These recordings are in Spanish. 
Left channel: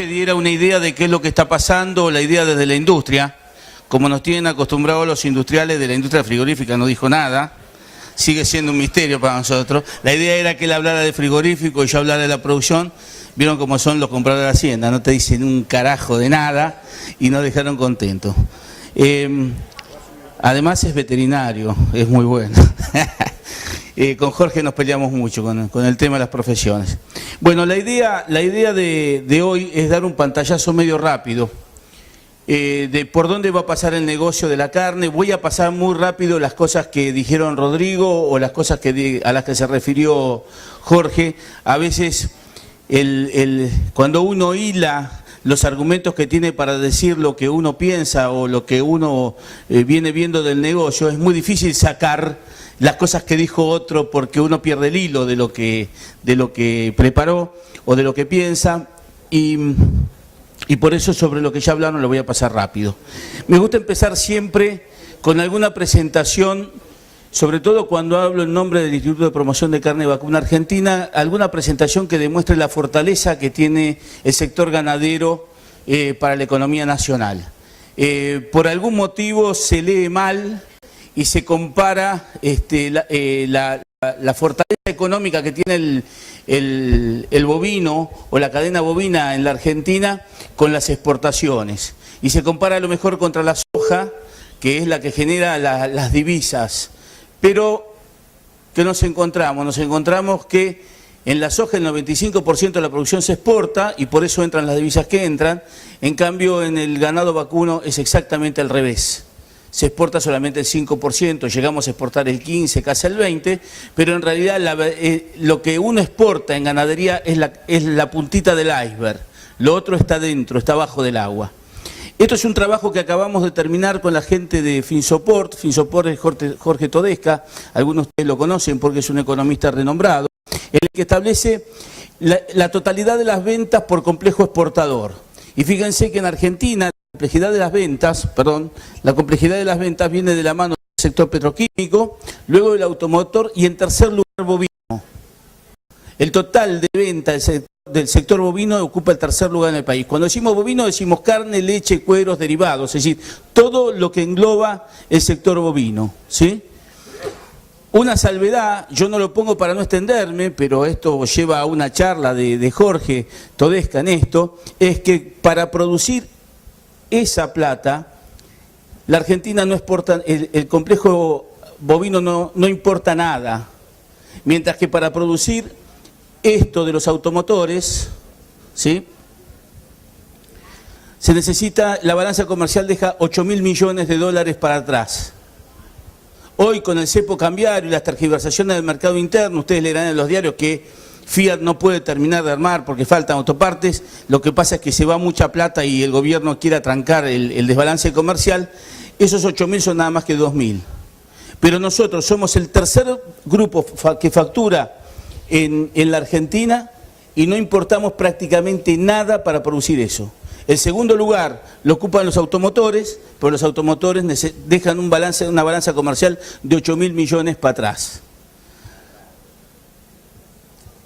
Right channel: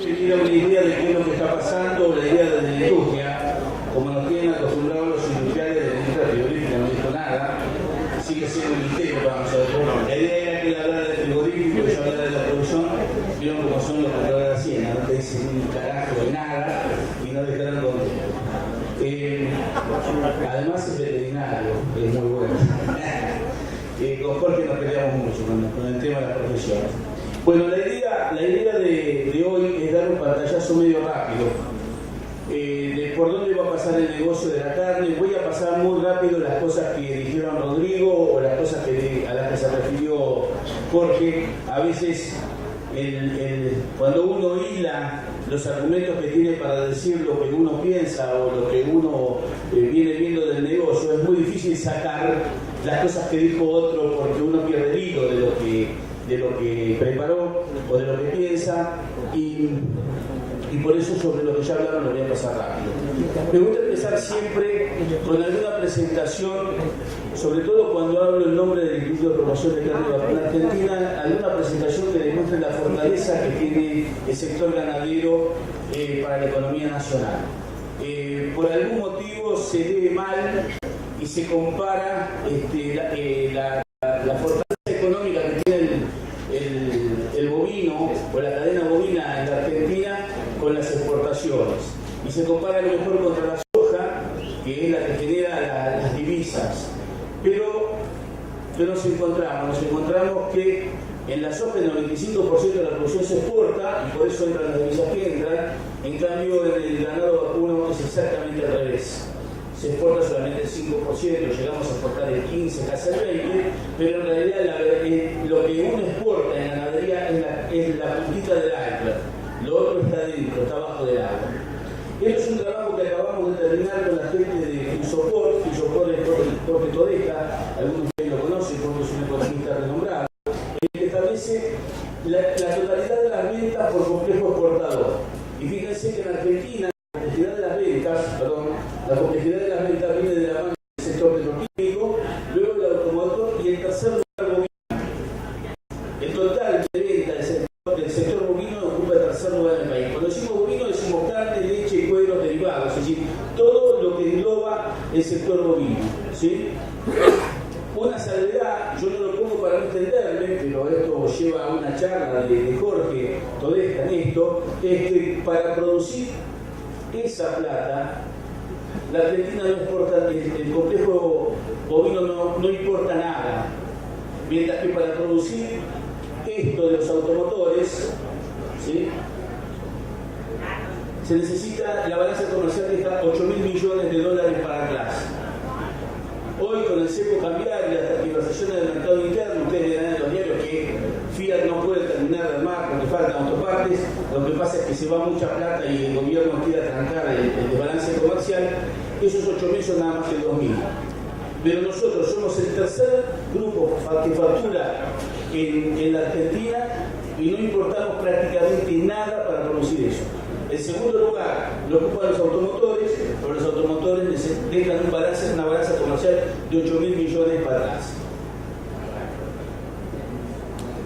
Jorge diera una idea de qué es lo que está pasando, la idea desde la industria, como nos tienen acostumbrados los industriales de la industria frigorífica, no dijo nada, sigue siendo un misterio para nosotros. La idea era que él hablara de frigorífico y yo hablara de la producción. Vieron cómo son los compradores de Hacienda, no te dicen un carajo de nada y nos dejaron contentos. Además es veterinario, es muy bueno. Con Jorge nos peleamos mucho con el tema de las profesiones. Bueno, la idea de hoy es dar un pantallazo medio rápido de por dónde va a pasar el negocio de la carne. Voy a pasar muy rápido las cosas que dijeron Rodrigo o las cosas a las que se refirió Jorge. A veces cuando uno hila los argumentos que tiene para decir lo que uno piensa o lo que uno viene viendo del negocio, es muy difícil sacar las cosas que dijo otro porque uno pierde el hilo de lo que preparó o de lo que piensa y por eso sobre lo que ya hablaron lo voy a pasar rápido. Me gusta empezar siempre con alguna presentación, sobre todo cuando hablo en nombre del Instituto de Promoción de Carne Vacuna Argentina, alguna presentación que demuestre la fortaleza que tiene el sector ganadero para la economía nacional. Por algún motivo se lee mal y se compara la fortaleza económica que tiene el bovino o la cadena bovina en la Argentina con las exportaciones. Y se compara a lo mejor contra la soja, que es la que genera las divisas. Pero, ¿qué nos encontramos? Nos encontramos que en la soja el 95% de la producción se exporta y por eso entran las divisas que entran. En cambio, en el ganado vacuno es exactamente al revés. Se exporta solamente el 5%, llegamos a exportar el 15%, casi el 20%, pero en realidad lo que uno exporta en ganadería es la puntita del iceberg. Lo otro está dentro, está abajo del agua. Esto es un trabajo que acabamos de terminar con la gente de Finsoport. Finsoport es Jorge Todesca, algunos de ustedes lo conocen porque es un economista renombrado, el que establece la totalidad de las ventas por complejo exportador. Y fíjense que en Argentina la complejidad de las ventas viene de la mano del sector petroquímico, luego del automotor y en tercer lugar bovino. El total de ventas del sector bovino ocupa el tercer lugar en el país. Cuando decimos bovino decimos carne, leche, cueros, derivados, es decir, todo lo que engloba el sector bovino, ¿sí? Una salvedad, yo no lo pongo para no extenderme, pero esto lleva a una charla de Jorge Todesca en esto, es que para producir esa plata, la Argentina no exporta, el complejo bovino no importa nada, mientras que para producir esto de los automotores, ¿sí?, se necesita, la balanza comercial deja 8.000 millones de dólares para atrás. Hoy con el cepo cambiario y las tergiversaciones del mercado interno, ustedes leerán en los diarios que Fiat no puede terminar de armar porque faltan autopartes, lo que pasa es que se va mucha plata y el gobierno quiere atrancar el desbalance comercial. Esos 8.000 son nada más que 2.000. Pero nosotros somos el tercer grupo que factura en la Argentina y no importamos prácticamente nada para producir eso. El segundo lugar lo ocupan los automotores, pero los automotores dejan una balanza comercial de 8.000 millones para atrás.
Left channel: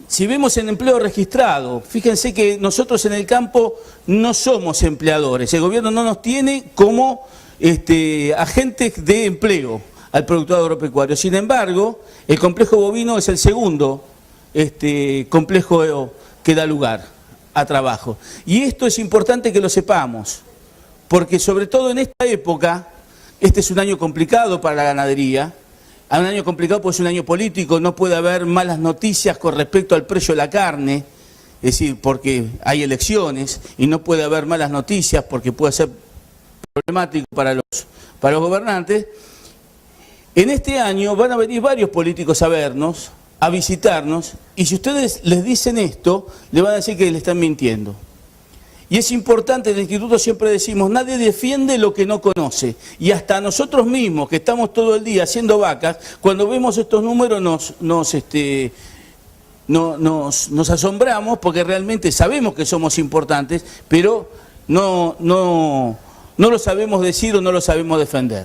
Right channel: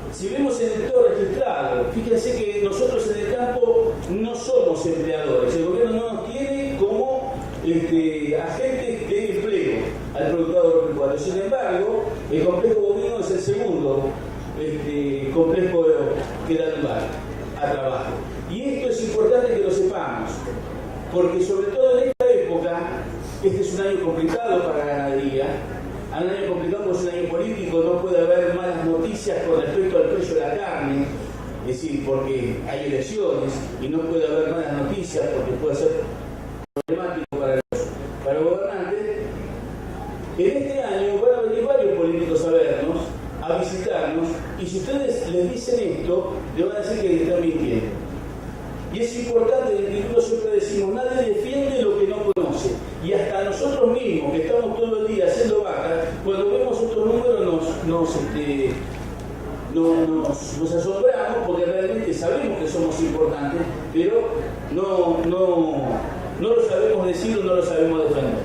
Si vemos el empleo registrado, fíjense que nosotros en el campo no somos empleadores, el gobierno no nos tiene como agentes de empleo al productor agropecuario. Sin embargo, el complejo bovino es el segundo complejo que da lugar a trabajo. Y esto es importante que lo sepamos, porque sobre todo en esta época, este es un año complicado para la ganadería, un año complicado porque es un año político, no puede haber malas noticias con respecto al precio de la carne, es decir, porque hay elecciones, y no puede haber malas noticias porque puede ser problemático para los gobernantes. En este año van a venir varios políticos a vernos, a visitarnos, y si ustedes les dicen esto, le van a decir que le están mintiendo. Y es importante, en el instituto siempre decimos, nadie defiende lo que no conoce. Y hasta nosotros mismos, que estamos todo el día haciendo vacas, cuando vemos estos números nos asombramos porque realmente sabemos que somos importantes, pero no lo sabemos decir o no lo sabemos defender.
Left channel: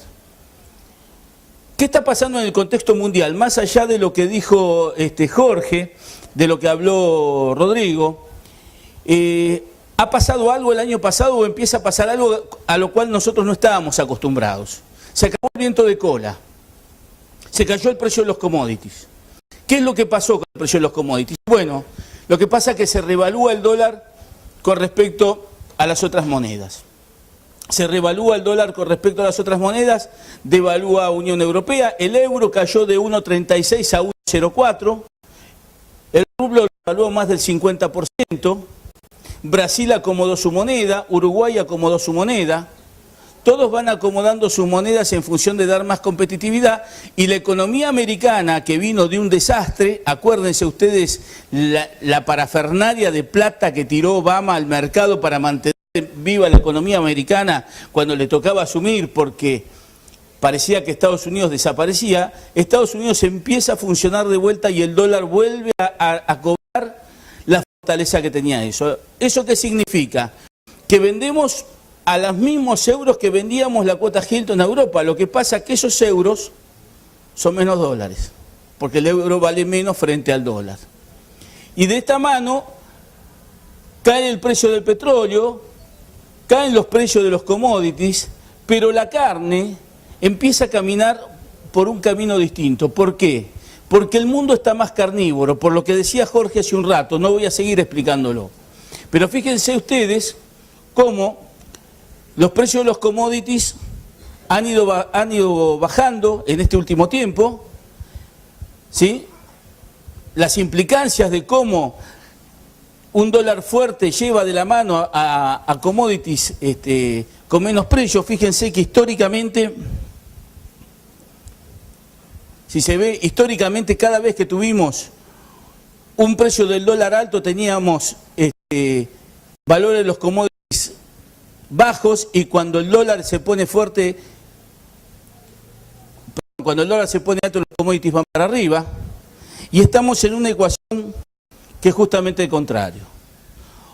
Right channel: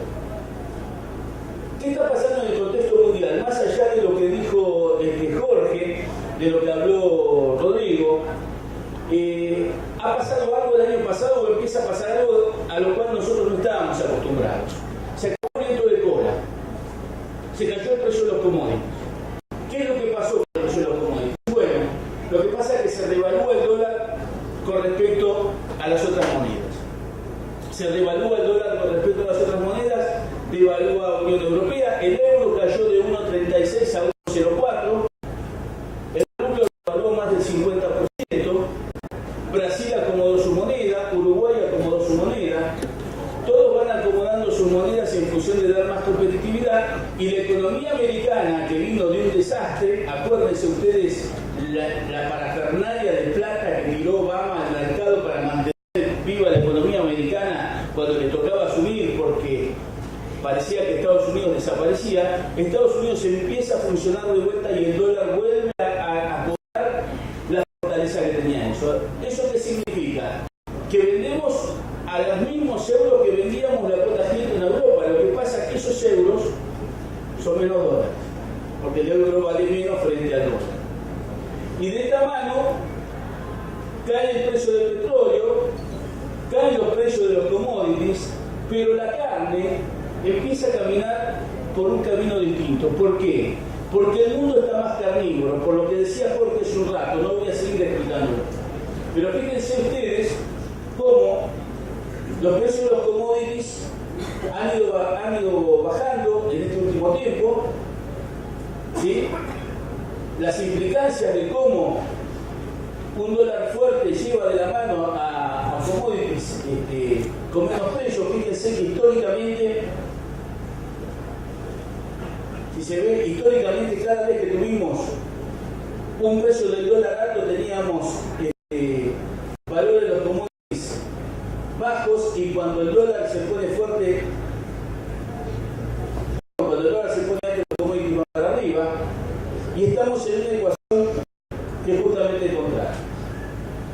¿Qué está pasando en el contexto mundial? Más allá de lo que dijo Jorge, de lo que habló Rodrigo, ha pasado algo el año pasado o empieza a pasar algo a lo cual nosotros no estábamos acostumbrados. Se acabó el viento de cola, se cayó el precio de los commodities. ¿Qué es lo que pasó con el precio de los commodities? Bueno, lo que pasa es que se revalúa el dólar con respecto a las otras monedas. Se revalúa el dólar con respecto a las otras monedas, devalúa Unión Europea, el euro cayó de 1,36 a 1,04, el rublo devaluó más del 50%, Brasil acomodó su moneda, Uruguay acomodó su moneda, todos van acomodando sus monedas en función de dar más competitividad, y la economía americana, que vino de un desastre, acuérdense ustedes la parafernalia de plata que tiró Obama al mercado para mantener viva la economía americana cuando le tocaba asumir, porque parecía que Estados Unidos desaparecía. Estados Unidos empieza a funcionar de vuelta y el dólar vuelve a cobrar la fortaleza que tenía eso. ¿Eso qué significa? Que vendemos a los mismos euros que vendíamos la cuota Hilton a Europa. Lo que pasa es que esos euros son menos dólares, porque el euro vale menos frente al dólar. Y de esta mano cae el precio del petróleo, caen los precios de los commodities, pero la carne empieza a caminar por un camino distinto. ¿Por qué? Porque el mundo está más carnívoro, por lo que decía Jorge hace un rato, no voy a seguir explicándolo. Pero fíjense ustedes cómo los precios de los commodities han ido bajando en este último tiempo, ¿sí? Las implicancias de cómo un dólar fuerte lleva de la mano a commodities con menos precio. Fíjense que históricamente, si se ve, históricamente cada vez que tuvimos un precio del dólar alto teníamos valores de los commodities bajos, y cuando el dólar se pone fuerte, cuando el dólar se pone alto, los commodities van para arriba, y estamos en una ecuación que es justamente el contrario.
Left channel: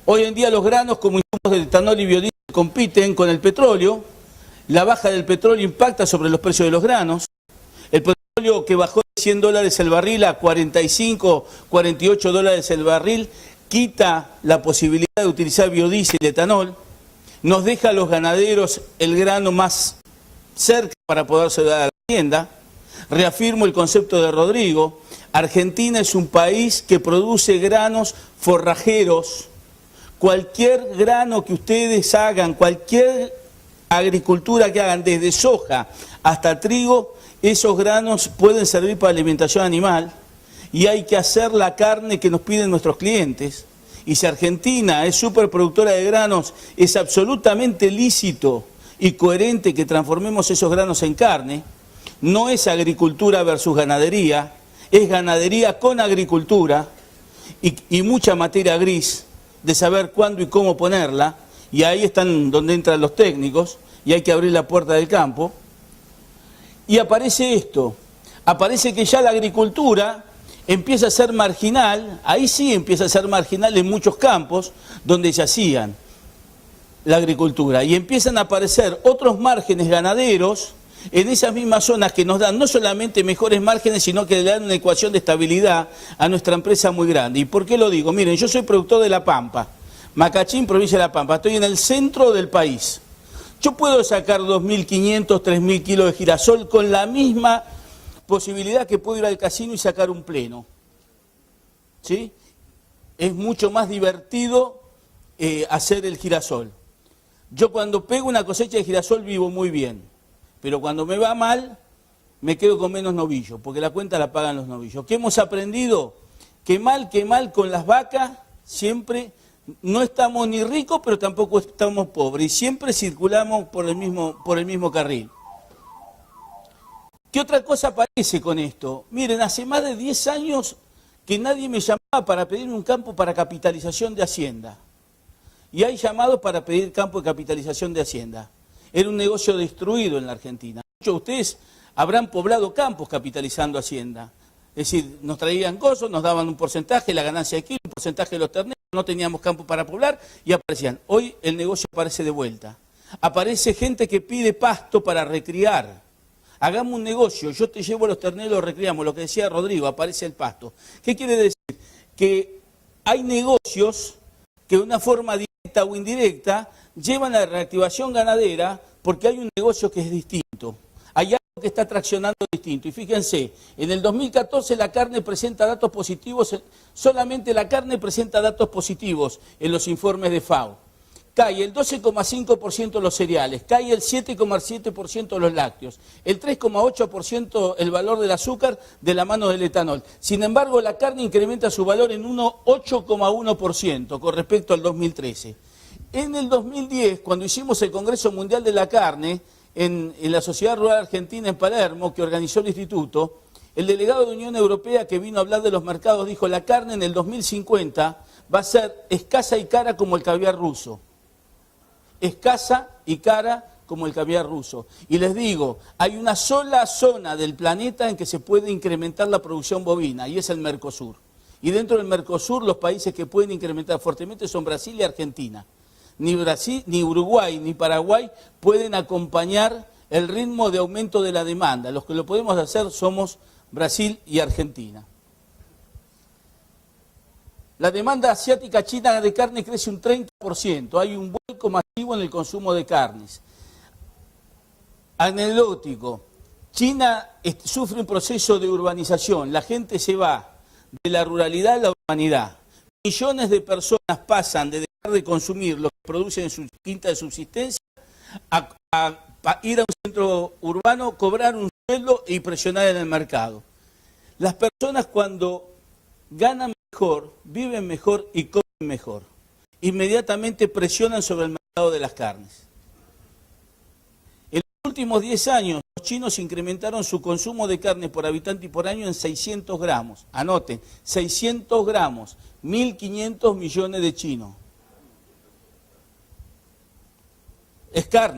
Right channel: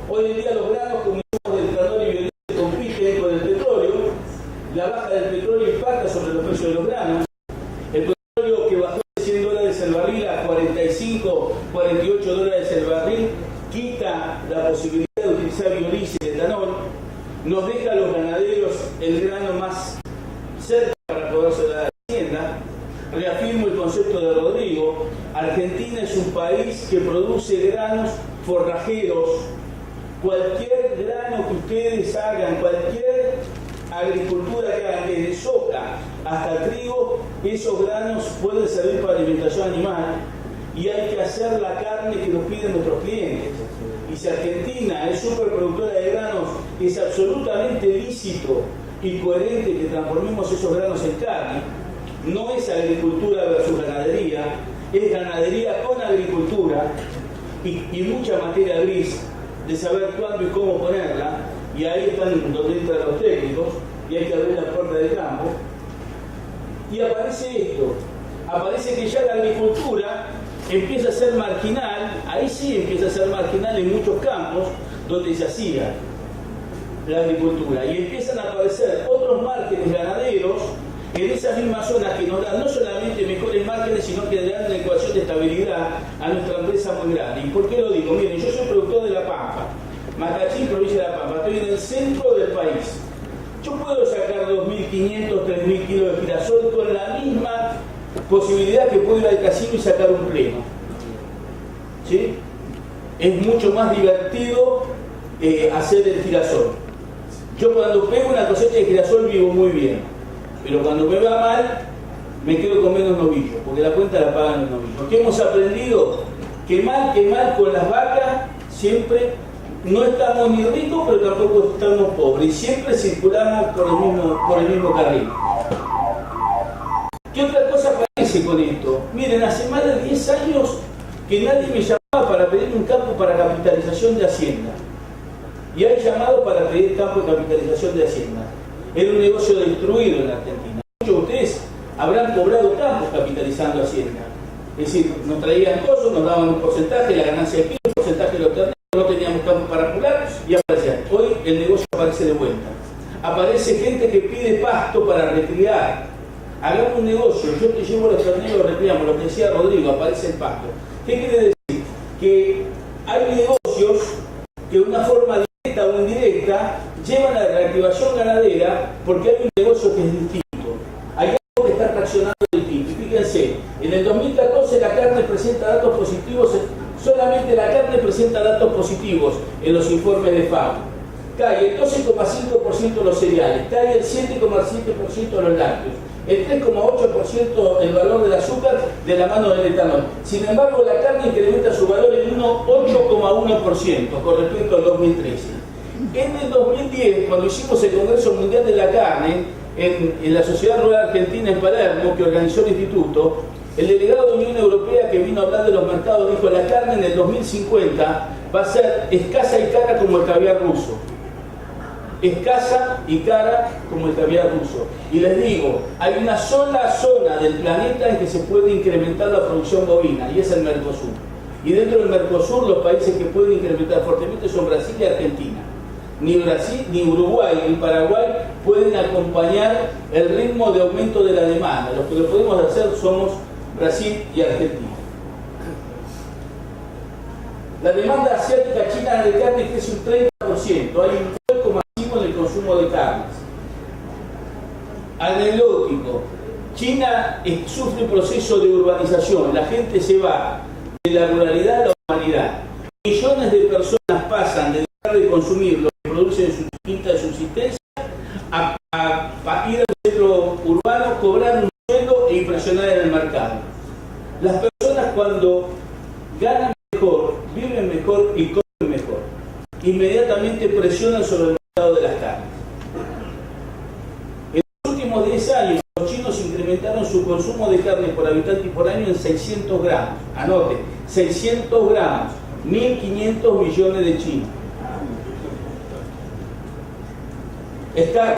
Hoy en día los granos como insumos de etanol y biodiesel compiten con el petróleo. La baja del petróleo impacta sobre los precios de los granos. El petróleo que bajó de $100 el barril a 45, 48 dólares el barril, quita la posibilidad de utilizar biodiesel y etanol. Nos deja a los ganaderos el grano más cerca para poder dar a la tienda. Reafirmo el concepto de Rodrigo. Argentina es un país que produce granos forrajeros. Cualquier grano que ustedes hagan, cualquier agricultura que hagan, desde soja hasta trigo, esos granos pueden servir para alimentación animal, y hay que hacer la carne que nos piden nuestros clientes. Y si Argentina es superproductora de granos, es absolutamente lícito y coherente que transformemos esos granos en carne. No es agricultura versus ganadería, es ganadería con agricultura y mucha materia gris de saber cuándo y cómo ponerla, y ahí están donde entran los técnicos, y hay que abrir la puerta del campo. Y aparece esto, aparece que ya la agricultura empieza a ser marginal, ahí sí empieza a ser marginal en muchos campos donde se hacía la agricultura, y empiezan a aparecer otros márgenes ganaderos en esas mismas zonas que nos dan no solamente mejores márgenes, sino que le dan una ecuación de estabilidad a nuestra empresa muy grande. ¿Y por qué lo digo? Miren, yo soy productor de La Pampa, Macachín, provincia de La Pampa, estoy en el centro del país. Yo puedo sacar 2.500, 3.000 kilos de girasol con la misma posibilidad que puedo ir al casino y sacar un pleno. ¿Sí? Es mucho más divertido hacer el girasol. Yo cuando pego una cosecha de girasol vivo muy bien, pero cuando me va mal me quedo con menos novillos, porque la cuenta la pagan los novillos. ¿Qué hemos aprendido? Que mal con las vacas siempre no estamos ni ricos, pero tampoco estamos pobres, y siempre circulamos por el mismo carril. ¿Qué otra cosa aparece con esto? Miren, hace más de 10 años que nadie me llamaba para pedir un campo para capitalización de Hacienda. Y hay llamados para pedir campo de capitalización de Hacienda. Era un negocio destruido en la Argentina. Muchos de ustedes habrán cobrado campos capitalizando Hacienda. Es decir, nos traían cosas, nos daban un porcentaje, la ganancia de kilo, un porcentaje de los terneros, no teníamos campo para apurar y aparecía. Hoy el negocio aparece de vuelta. Aparece gente que pide pasto para recriar. Hagamos un negocio, yo te llevo los terneros, los recriamos, lo que decía Rodrigo, aparece el pasto. ¿Qué quiere decir? Que hay negocios que de una forma directa o directa llevan a la reactivación ganadera porque hay un negocio que es distinto. Hay algo que está traccionando distinto. Y fíjense, en el 2014 la carne presenta datos positivos, solamente la carne presenta datos positivos en los informes de FAO. Cae el 12,5% los cereales, cae el 7,7% los lácteos, el 3,8% el valor del azúcar de la mano del etanol. Sin embargo, la carne incrementa su valor en 8,1% con respecto al 2013. En el 2010, cuando hicimos el Congreso Mundial de la Carne, en la Sociedad Rural Argentina en Palermo, que organizó el Instituto, el delegado de Unión Europea que vino a hablar de los mercados dijo: la carne en el 2050 va a ser escasa y cara como el caviar ruso. Escasa y cara como el caviar ruso. Y les digo, hay una sola zona del planeta en que se puede incrementar la producción bovina, y es el Mercosur. Y dentro del Mercosur los países que pueden incrementar fuertemente son Brasil y Argentina. Ni Brasil, ni Uruguay, ni Paraguay pueden acompañar el ritmo de aumento de la demanda. Los que lo podemos hacer somos Brasil y Argentina. La demanda asiática china de carne crece un 30%. Hay un vuelco masivo en el consumo de carnes. Anecdótico. China sufre un proceso de urbanización. La gente se va de la ruralidad a la urbanidad. Millones de personas pasan de dejar de consumir lo que producen en su quinta de subsistencia a ir a un centro urbano, cobrar un sueldo e impresionar en el mercado. Las personas, cuando ganan mejor, viven mejor y comen mejor, inmediatamente presionan sobre el mercado de las carnes. En los últimos 10 años, los chinos incrementaron su consumo de carne por habitante y por año en 600 gramos. Anote, 600 gramos, 1.500 millones de chinos. Es carne,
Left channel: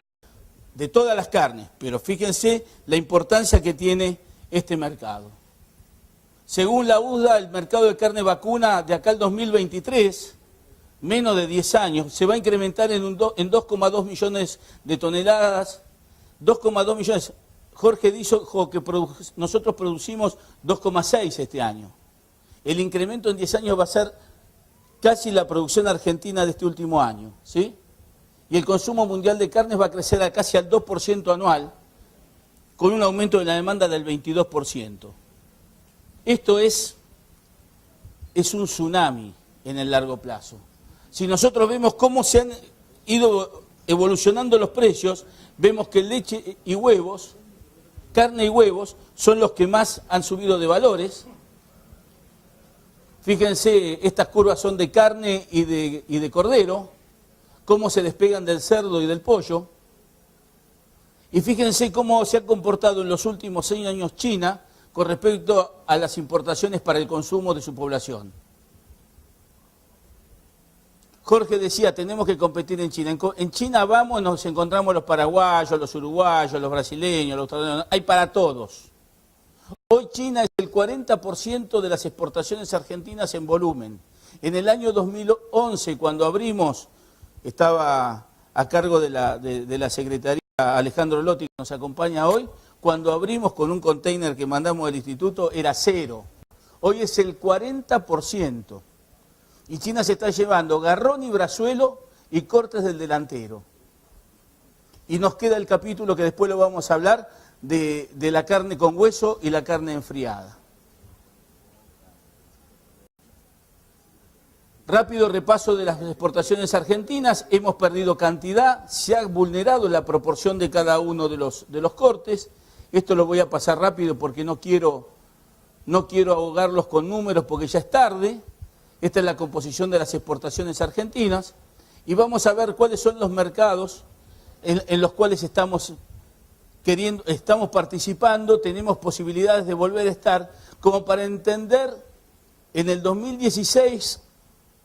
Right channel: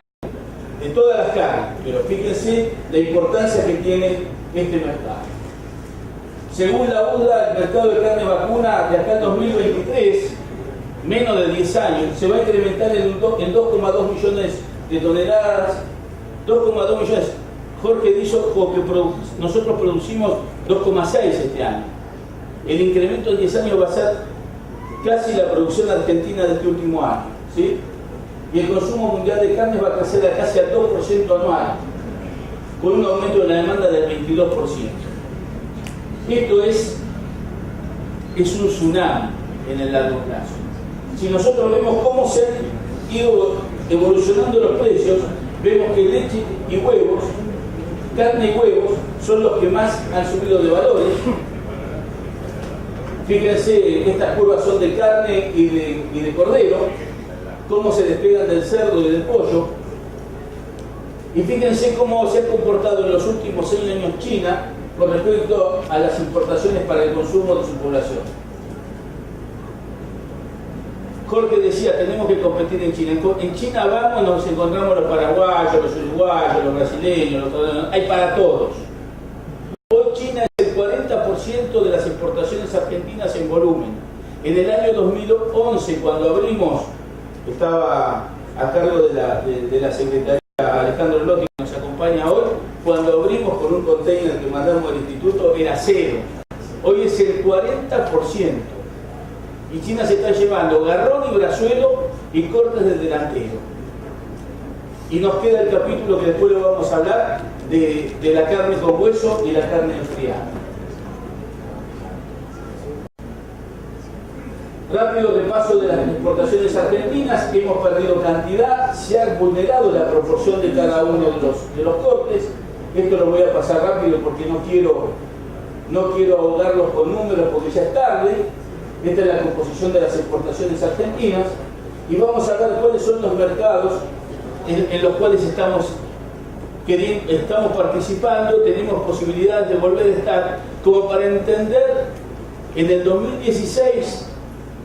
de todas las carnes, pero fíjense la importancia que tiene este mercado. Según la UDA, el mercado de carne vacuna de acá al 2023, menos de 10 años, se va a incrementar en 2,2 millones de toneladas. 2,2 millones. Jorge dijo que nosotros producimos 2,6 este año. El incremento en 10 años va a ser casi la producción argentina de este último año, ¿sí? Y el consumo mundial de carnes va a crecer a casi al 2% anual, con un aumento de la demanda del 22%. Esto es un tsunami en el largo plazo. Si nosotros vemos cómo se han ido evolucionando los precios, vemos que leche y huevos, carne y huevos, son los que más han subido de valores. Fíjense, estas curvas son de carne y de cordero, cómo se despegan del cerdo y del pollo. Y fíjense cómo se ha comportado en los últimos 6 años China con respecto a las importaciones para el consumo de su población. Jorge decía, tenemos que competir en China. En China vamos y nos encontramos los paraguayos, los uruguayos, los brasileños, hay para todos. Hoy China es el 40% de las exportaciones argentinas en volumen. En el año 2011, cuando abrimos, estaba a cargo de la Secretaría Alejandro Lotti, que nos acompaña hoy, cuando abrimos con un container que mandamos del instituto era 0. Hoy es el 40%. Y China se está llevando garrón y brazuelo y cortes del delantero. Y nos queda el capítulo que después lo vamos a hablar de la carne con hueso y la carne enfriada. Rápido repaso de las exportaciones argentinas. Hemos perdido cantidad, se ha vulnerado la proporción de cada uno de los cortes. Esto lo voy a pasar rápido porque no quiero ahogarlos con números porque ya es tarde. Esta es la composición de las exportaciones argentinas. Y vamos a ver cuáles son los mercados en los cuales estamos participando, tenemos posibilidades de volver a estar, como para entender en el 2016,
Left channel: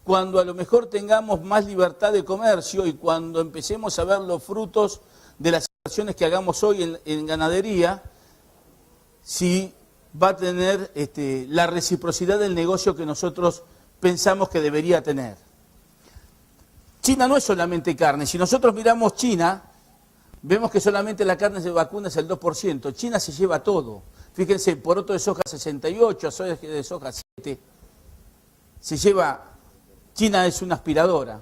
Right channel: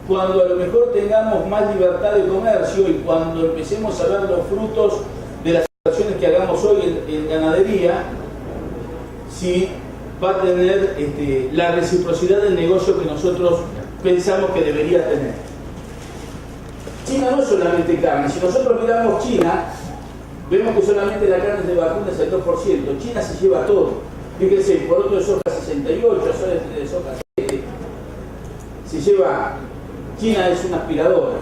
cuando a lo mejor tengamos más libertad de comercio y cuando empecemos a ver los frutos de las inversiones que hagamos hoy en ganadería, si va a tener la reciprocidad del negocio que nosotros pensamos que debería tener. China no es solamente carne. Si nosotros miramos China, vemos que solamente la carne de vacuna es el 2%. China se lleva todo. Fíjense, el poroto de soja 68, de soja 7. Se lleva... China es una aspiradora.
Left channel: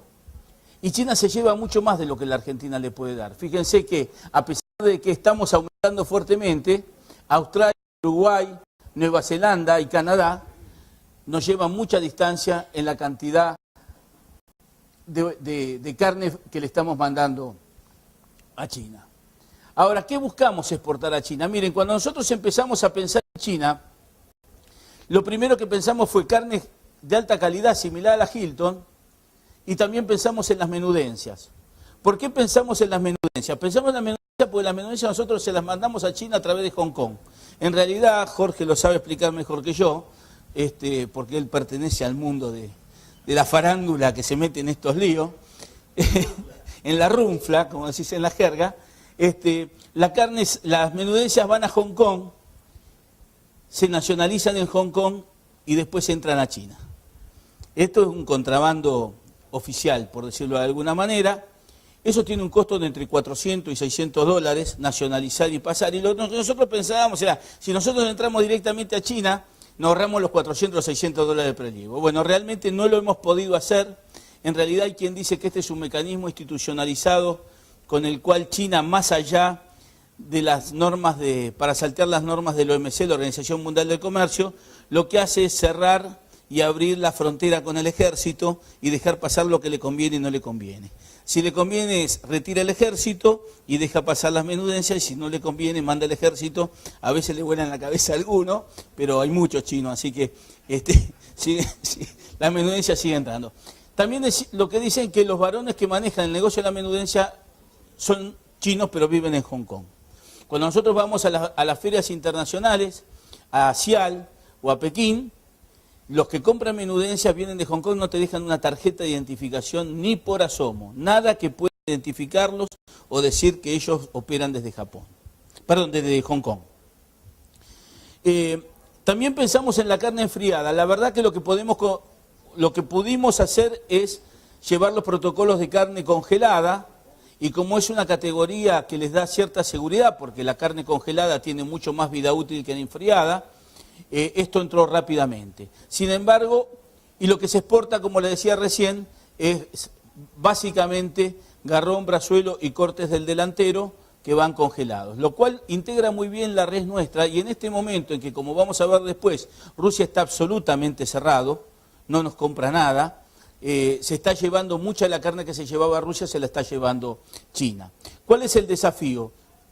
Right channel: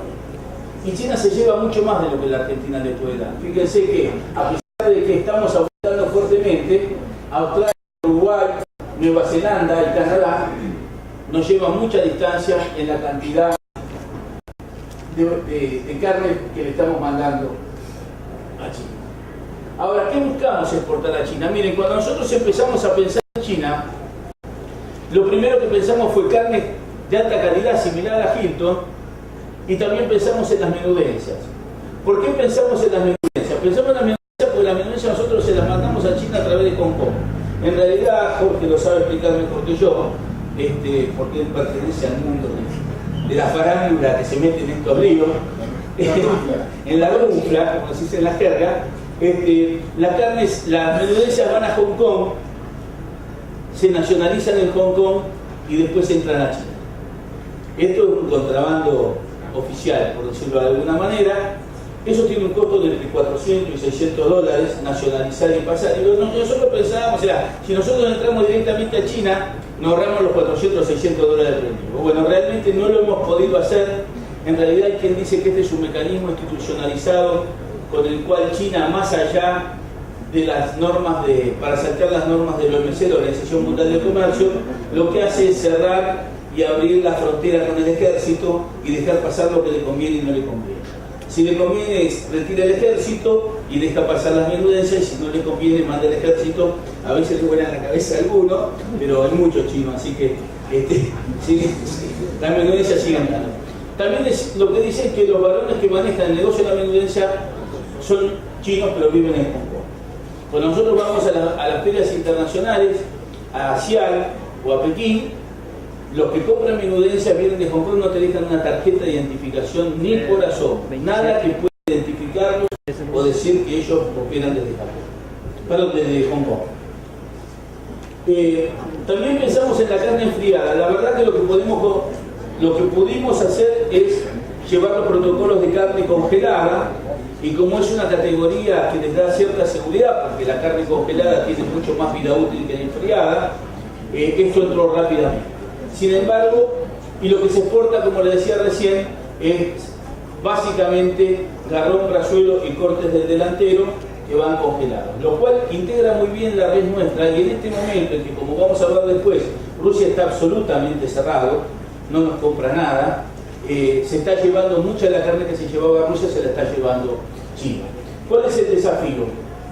Y China se lleva mucho más de lo que la Argentina le puede dar. Fíjense que, a pesar de que estamos aumentando fuertemente, Australia, Uruguay, Nueva Zelanda y Canadá nos llevan mucha distancia en la cantidad de carne que le estamos mandando a China. Ahora, ¿qué buscamos exportar a China? Miren, cuando nosotros empezamos a pensar en China, lo primero que pensamos fue carne de alta calidad similar a Hilton, y también pensamos en las menudencias. ¿Por qué pensamos en las menudencias? Pensamos en las menudencias porque las menudencias nosotros se las mandamos a China a través de Hong Kong. En realidad, Jorge lo sabe explicar mejor que yo, porque él pertenece al mundo de la farándula que se mete en estos líos, en la runfla, como se dice en la jerga. Las menudencias van a Hong Kong, se nacionalizan en Hong Kong y después entran a China. Esto es un contrabando oficial, por decirlo de alguna manera. Eso tiene un costo de entre 400 y 600 dólares, nacionalizar y pasar. Y nosotros pensábamos, si nosotros entramos directamente a China, nos ahorramos los 400 o 600 dólares de premio. Bueno, realmente no lo hemos podido hacer. En realidad hay quien dice que este es un mecanismo institucionalizado con el cual China, más allá de las normas para saltar las normas de la OMC, la Organización Mundial del Comercio, lo que hace es cerrar y abrir la frontera con el ejército y dejar pasar lo que le conviene y no le conviene. Si le conviene, retira el ejército y deja pasar las menudencias, y si no le conviene, manda el ejército. A veces le vuelan la cabeza a alguno, pero hay muchos chinos, así que las menudencias siguen dando. También lo que dicen que los varones que manejan el negocio de la menudencia son chinos, pero viven en Hong Kong. Cuando nosotros vamos a las ferias internacionales, a Xi'an o a Pekín, los que compran menudencia vienen de Hong Kong, no te dejan una tarjeta de identificación ni por asomo. Nada que pueda identificarlos o decir que ellos operan desde Japón. Perdón, desde Hong Kong. También pensamos en la carne enfriada. La verdad que lo que pudimos hacer es llevar los protocolos de carne congelada, y como es una categoría que les da cierta seguridad, porque la carne congelada tiene mucho más vida útil que la enfriada, esto entró rápidamente. Sin embargo, y lo que se exporta, como le decía recién, es básicamente garrón, brazuelo y cortes del delantero que van congelados, lo cual integra muy bien la red nuestra. Y en este momento, en que, como vamos a ver después, Rusia está absolutamente cerrado, no nos compra nada, se está llevando mucha de la carne que se llevaba a Rusia, se la está llevando China. ¿Cuál es el desafío?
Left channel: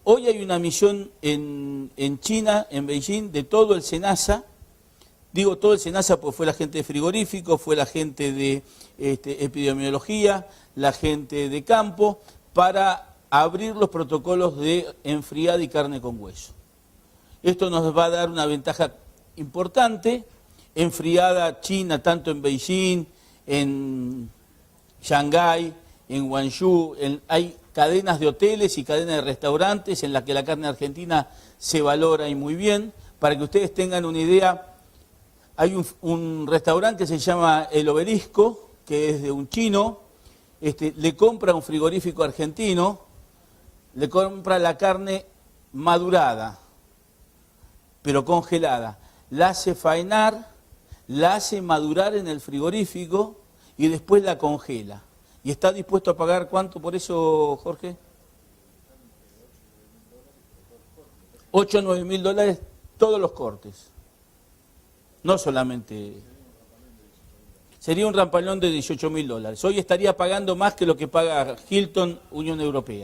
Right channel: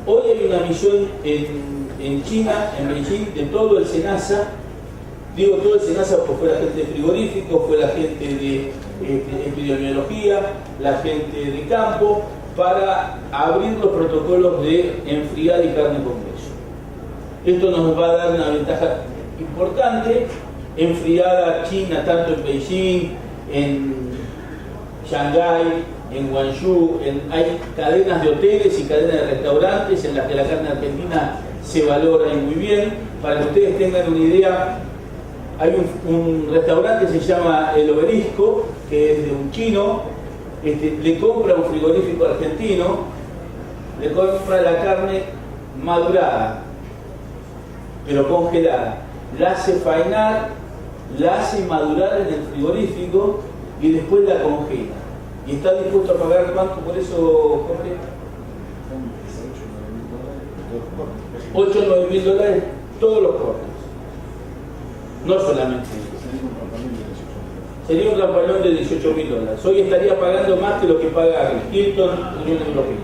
Hoy hay una misión en China, en Beijing, de todo el SENASA. Digo todo el SENASA porque fue la gente de frigorífico, fue la gente de epidemiología, la gente de campo, para abrir los protocolos de enfriada y carne con hueso. Esto nos va a dar una ventaja importante. Enfriada China, tanto en Beijing, en Shanghái, en Guangzhou, hay cadenas de hoteles y cadenas de restaurantes en las que la carne argentina se valora y muy bien. Para que ustedes tengan una idea, hay un restaurante que se llama El Obelisco, que es de un chino, le compra a un frigorífico argentino, le compra la carne madurada, pero congelada, la hace faenar, la hace madurar en el frigorífico y después la congela. ¿Y está dispuesto a pagar cuánto por eso, Jorge? 8 o 9 mil dólares todos los cortes. No solamente eso. Sería un rampalón de 18 mil dólares. Hoy estaría pagando más que lo que paga el Hilton Unión Europea.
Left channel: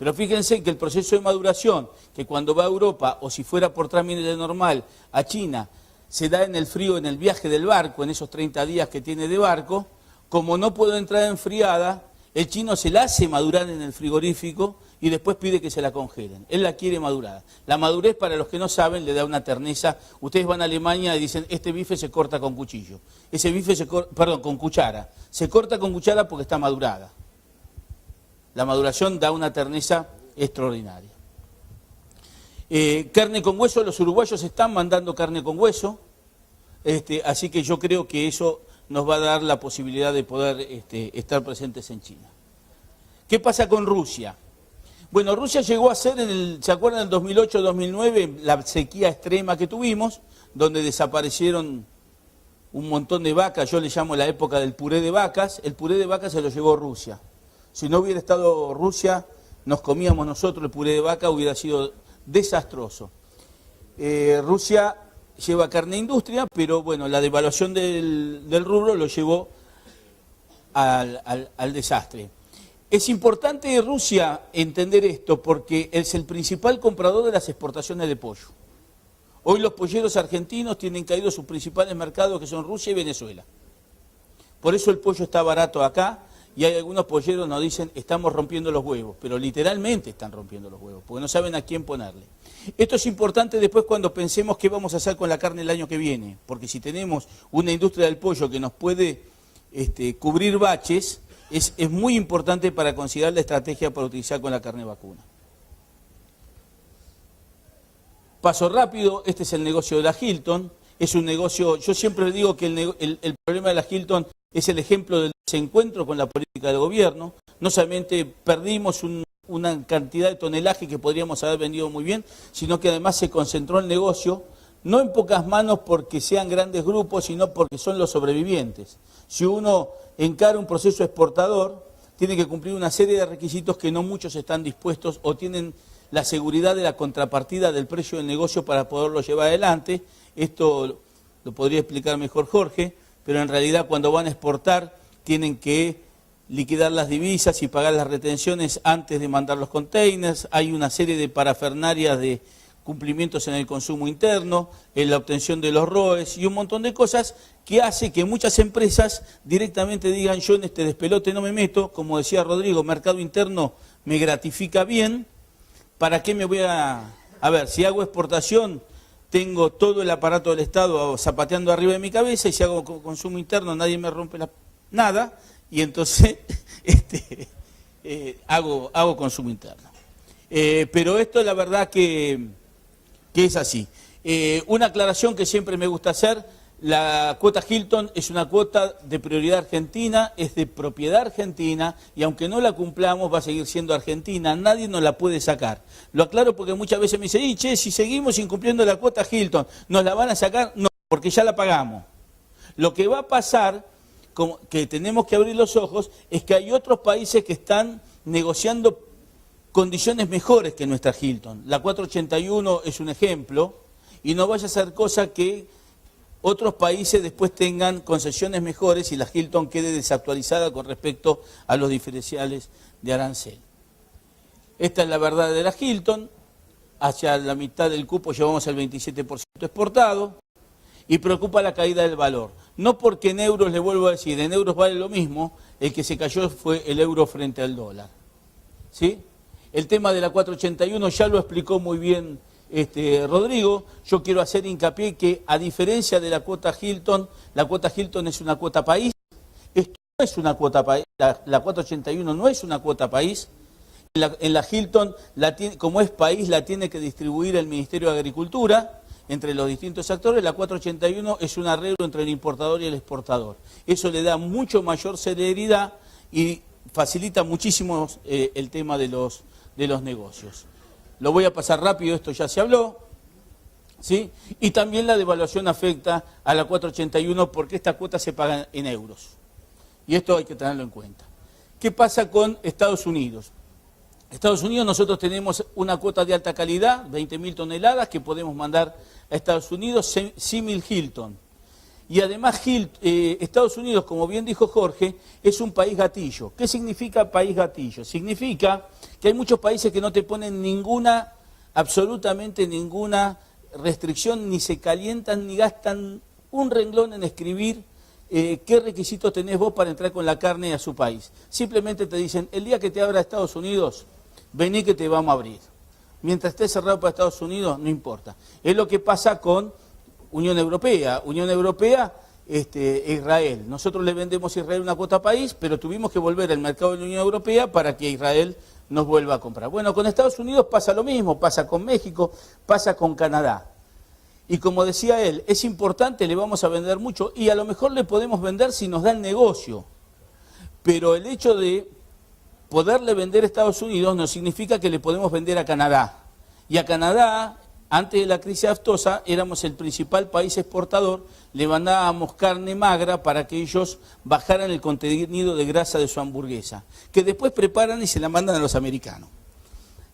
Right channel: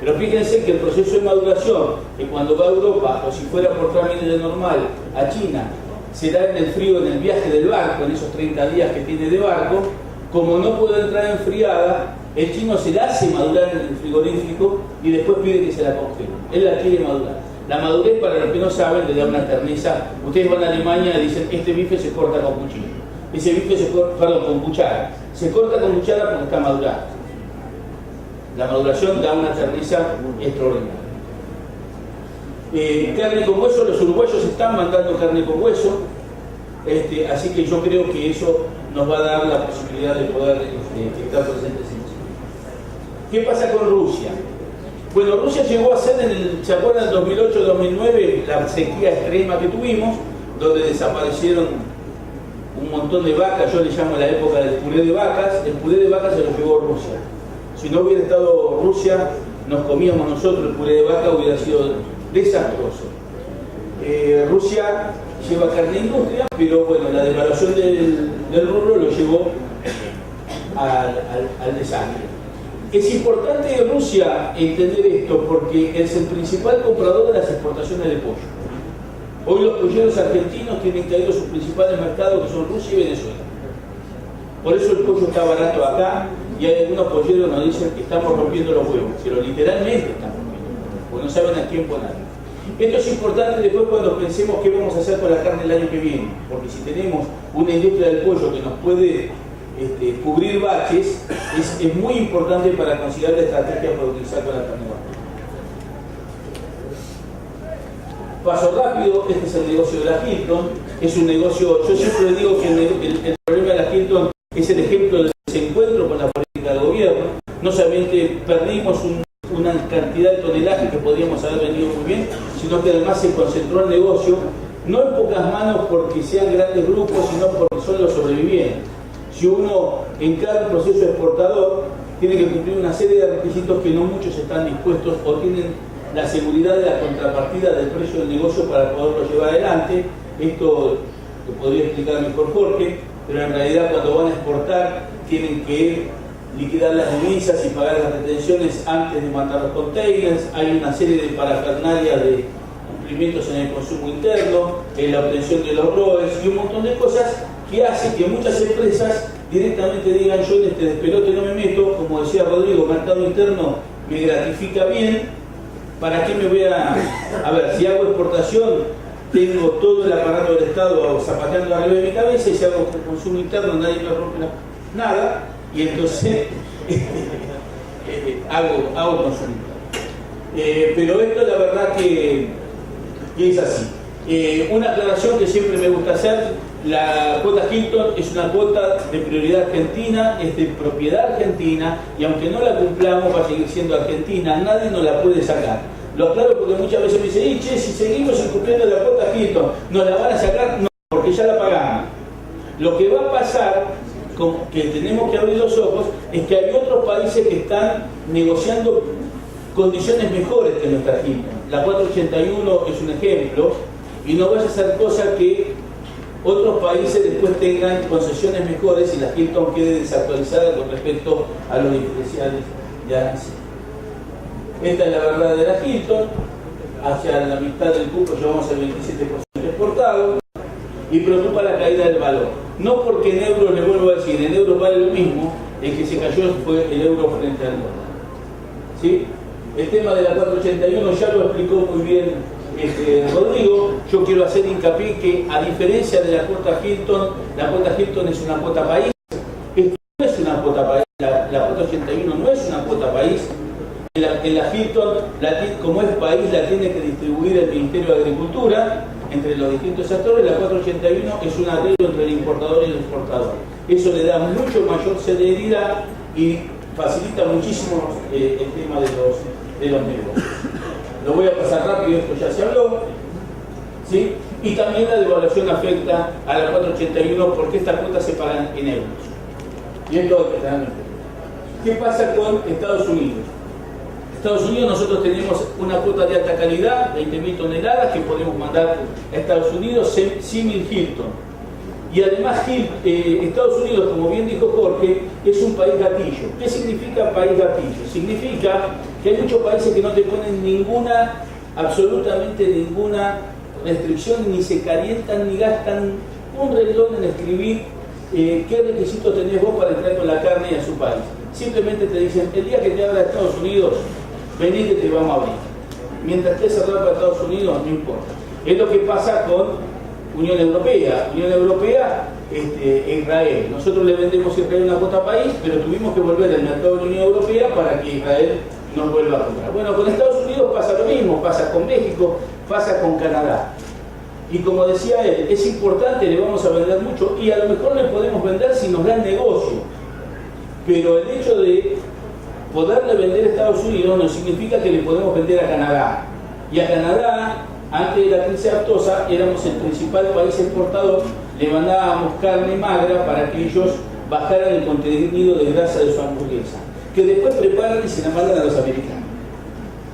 Pero fíjense que el proceso de maduración, que cuando va a Europa, o si fuera por trámite normal a China, se da en el frío, en el viaje del barco, en esos 30 días que tiene de barco. Como no puede entrar enfriada, el chino se la hace madurar en el frigorífico y después pide que se la congele. Él la quiere madurar. La madurez, para los que no saben, le da una terneza. Ustedes van a Alemania y dicen, este bife se corta con cuchillo. Ese bife se corta, con cuchara. Se corta con cuchara porque está madurado. La maduración da una terneza extraordinaria. Carne con hueso, los uruguayos están mandando carne con hueso, así que yo creo que eso nos va a dar la posibilidad de poder estar presentes en Chile. ¿Qué pasa con Rusia? Bueno, Rusia llegó a ser, ¿se acuerdan? En 2008-2009, la sequía extrema que tuvimos, donde desaparecieron un montón de vacas. Yo le llamo la época del puré de vacas. El puré de vacas se lo llevó Rusia. Si no hubiera estado Rusia, nos comíamos nosotros el puré de vaca, hubiera sido desastroso. Rusia lleva carne industria, pero bueno, la devaluación del rubro lo llevó al desastre. Es importante Rusia entender esto porque es el principal comprador de las exportaciones de pollo. Hoy los polleros argentinos tienen caído sus principales mercados, que son Rusia y Venezuela. Por eso el pollo está barato acá, y hay algunos polleros que nos dicen que estamos rompiendo los huevos, pero literalmente están rompiendo los huevos, porque no saben a quién poner. Esto es importante después cuando pensemos qué vamos a hacer con la carne el año que viene, porque si tenemos una industria del pollo que nos puede cubrir baches, es muy importante para considerar la estrategia para utilizar con la carne vacuna. Paso rápido, este es el negocio de la Hilton, es un negocio, yo siempre le digo que el problema de la Hilton es el ejemplo del desencuentro con la política del gobierno. No solamente perdimos una cantidad de tonelaje que podríamos haber vendido muy bien, sino que además se concentró el negocio, no en pocas manos porque sean grandes grupos, sino porque son los sobrevivientes. Si uno encara un proceso exportador, tiene que cumplir una serie de requisitos que no muchos están dispuestos o tienen la seguridad de la contrapartida del precio del negocio para poderlo llevar adelante. Esto lo podría explicar mejor Jorge, pero en realidad cuando van a exportar tienen que liquidar las divisas y pagar las retenciones antes de mandar los containers. Hay una serie de parafernalia de cumplimientos en el consumo interno, en la obtención de los roles y un montón de cosas que hace que muchas empresas directamente digan: yo en este despelote no me meto, como decía Rodrigo, mercado interno me gratifica bien, ¿para qué me voy a ver, si hago exportación tengo todo el aparato del Estado zapateando arriba de mi cabeza, y si hago consumo interno nadie me rompe nada, y entonces hago consumo interno. Pero esto la verdad que es así. Una aclaración que siempre me gusta hacer: la cuota Hilton es una cuota de prioridad argentina, es de propiedad argentina, y aunque no la cumplamos va a seguir siendo argentina, nadie nos la puede sacar. Lo aclaro porque muchas veces me dicen: che, si seguimos incumpliendo la cuota Hilton, ¿nos la van a sacar? No, porque ya la pagamos. Lo que va a pasar, que tenemos que abrir los ojos, es que hay otros países que están negociando condiciones mejores que nuestra Hilton. La 481 es un ejemplo, y no vaya a ser cosa que otros países después tengan concesiones mejores y la Hilton quede desactualizada con respecto a los diferenciales de arancel. Esta es la verdad de la Hilton. Hacia la mitad del cupo llevamos el 27% exportado, y preocupa la caída del valor. No porque en euros, le vuelvo a decir, en euros vale lo mismo, el que se cayó fue el euro frente al dólar. ¿Sí? El tema de la 481 ya lo explicó muy bien Rodrigo. Yo quiero hacer hincapié que, a diferencia de la cuota Hilton es una cuota país. Esto no es una cuota país, la 481 no es una cuota país. En la Hilton, como es país, la tiene que distribuir el Ministerio de Agricultura entre los distintos actores. La 481 es un arreglo entre el importador y el exportador. Eso le da mucho mayor celeridad y facilita muchísimo el tema de los negocios. Lo voy a pasar rápido, esto ya se habló, ¿sí? Y también la devaluación afecta a la 481 porque estas cuotas se pagan en euros. Y esto hay que tenerlo en cuenta. ¿Qué pasa con Estados Unidos? Estados Unidos, nosotros tenemos una cuota de alta calidad, 20.000 toneladas, que podemos mandar a Estados Unidos, símil Hilton. Y además Estados Unidos, como bien dijo Jorge, es un país gatillo. ¿Qué significa país gatillo? Significa que hay muchos países que no te ponen absolutamente ninguna restricción, ni se calientan, ni gastan un renglón en escribir qué requisitos tenés vos para entrar con la carne a su país. Simplemente te dicen: el día que te abra Estados Unidos, vení que te vamos a abrir. Mientras esté cerrado para Estados Unidos, no importa. Es lo que pasa con Unión Europea. Unión Europea, Israel. Nosotros le vendemos a Israel una cuota país, pero tuvimos que volver al mercado de la Unión Europea para que Israel nos vuelva a comprar. Bueno, con Estados Unidos pasa lo mismo, pasa con México, pasa con Canadá. Y como decía él, es importante, le vamos a vender mucho, y a lo mejor le podemos vender si nos da el negocio. Pero el hecho de poderle vender a Estados Unidos no significa que le podemos vender a Canadá. Y a Canadá, antes de la crisis aftosa, éramos el principal país exportador, le mandábamos carne magra para que ellos bajaran el contenido de grasa de su hamburguesa, que después preparan y se la mandan a los americanos.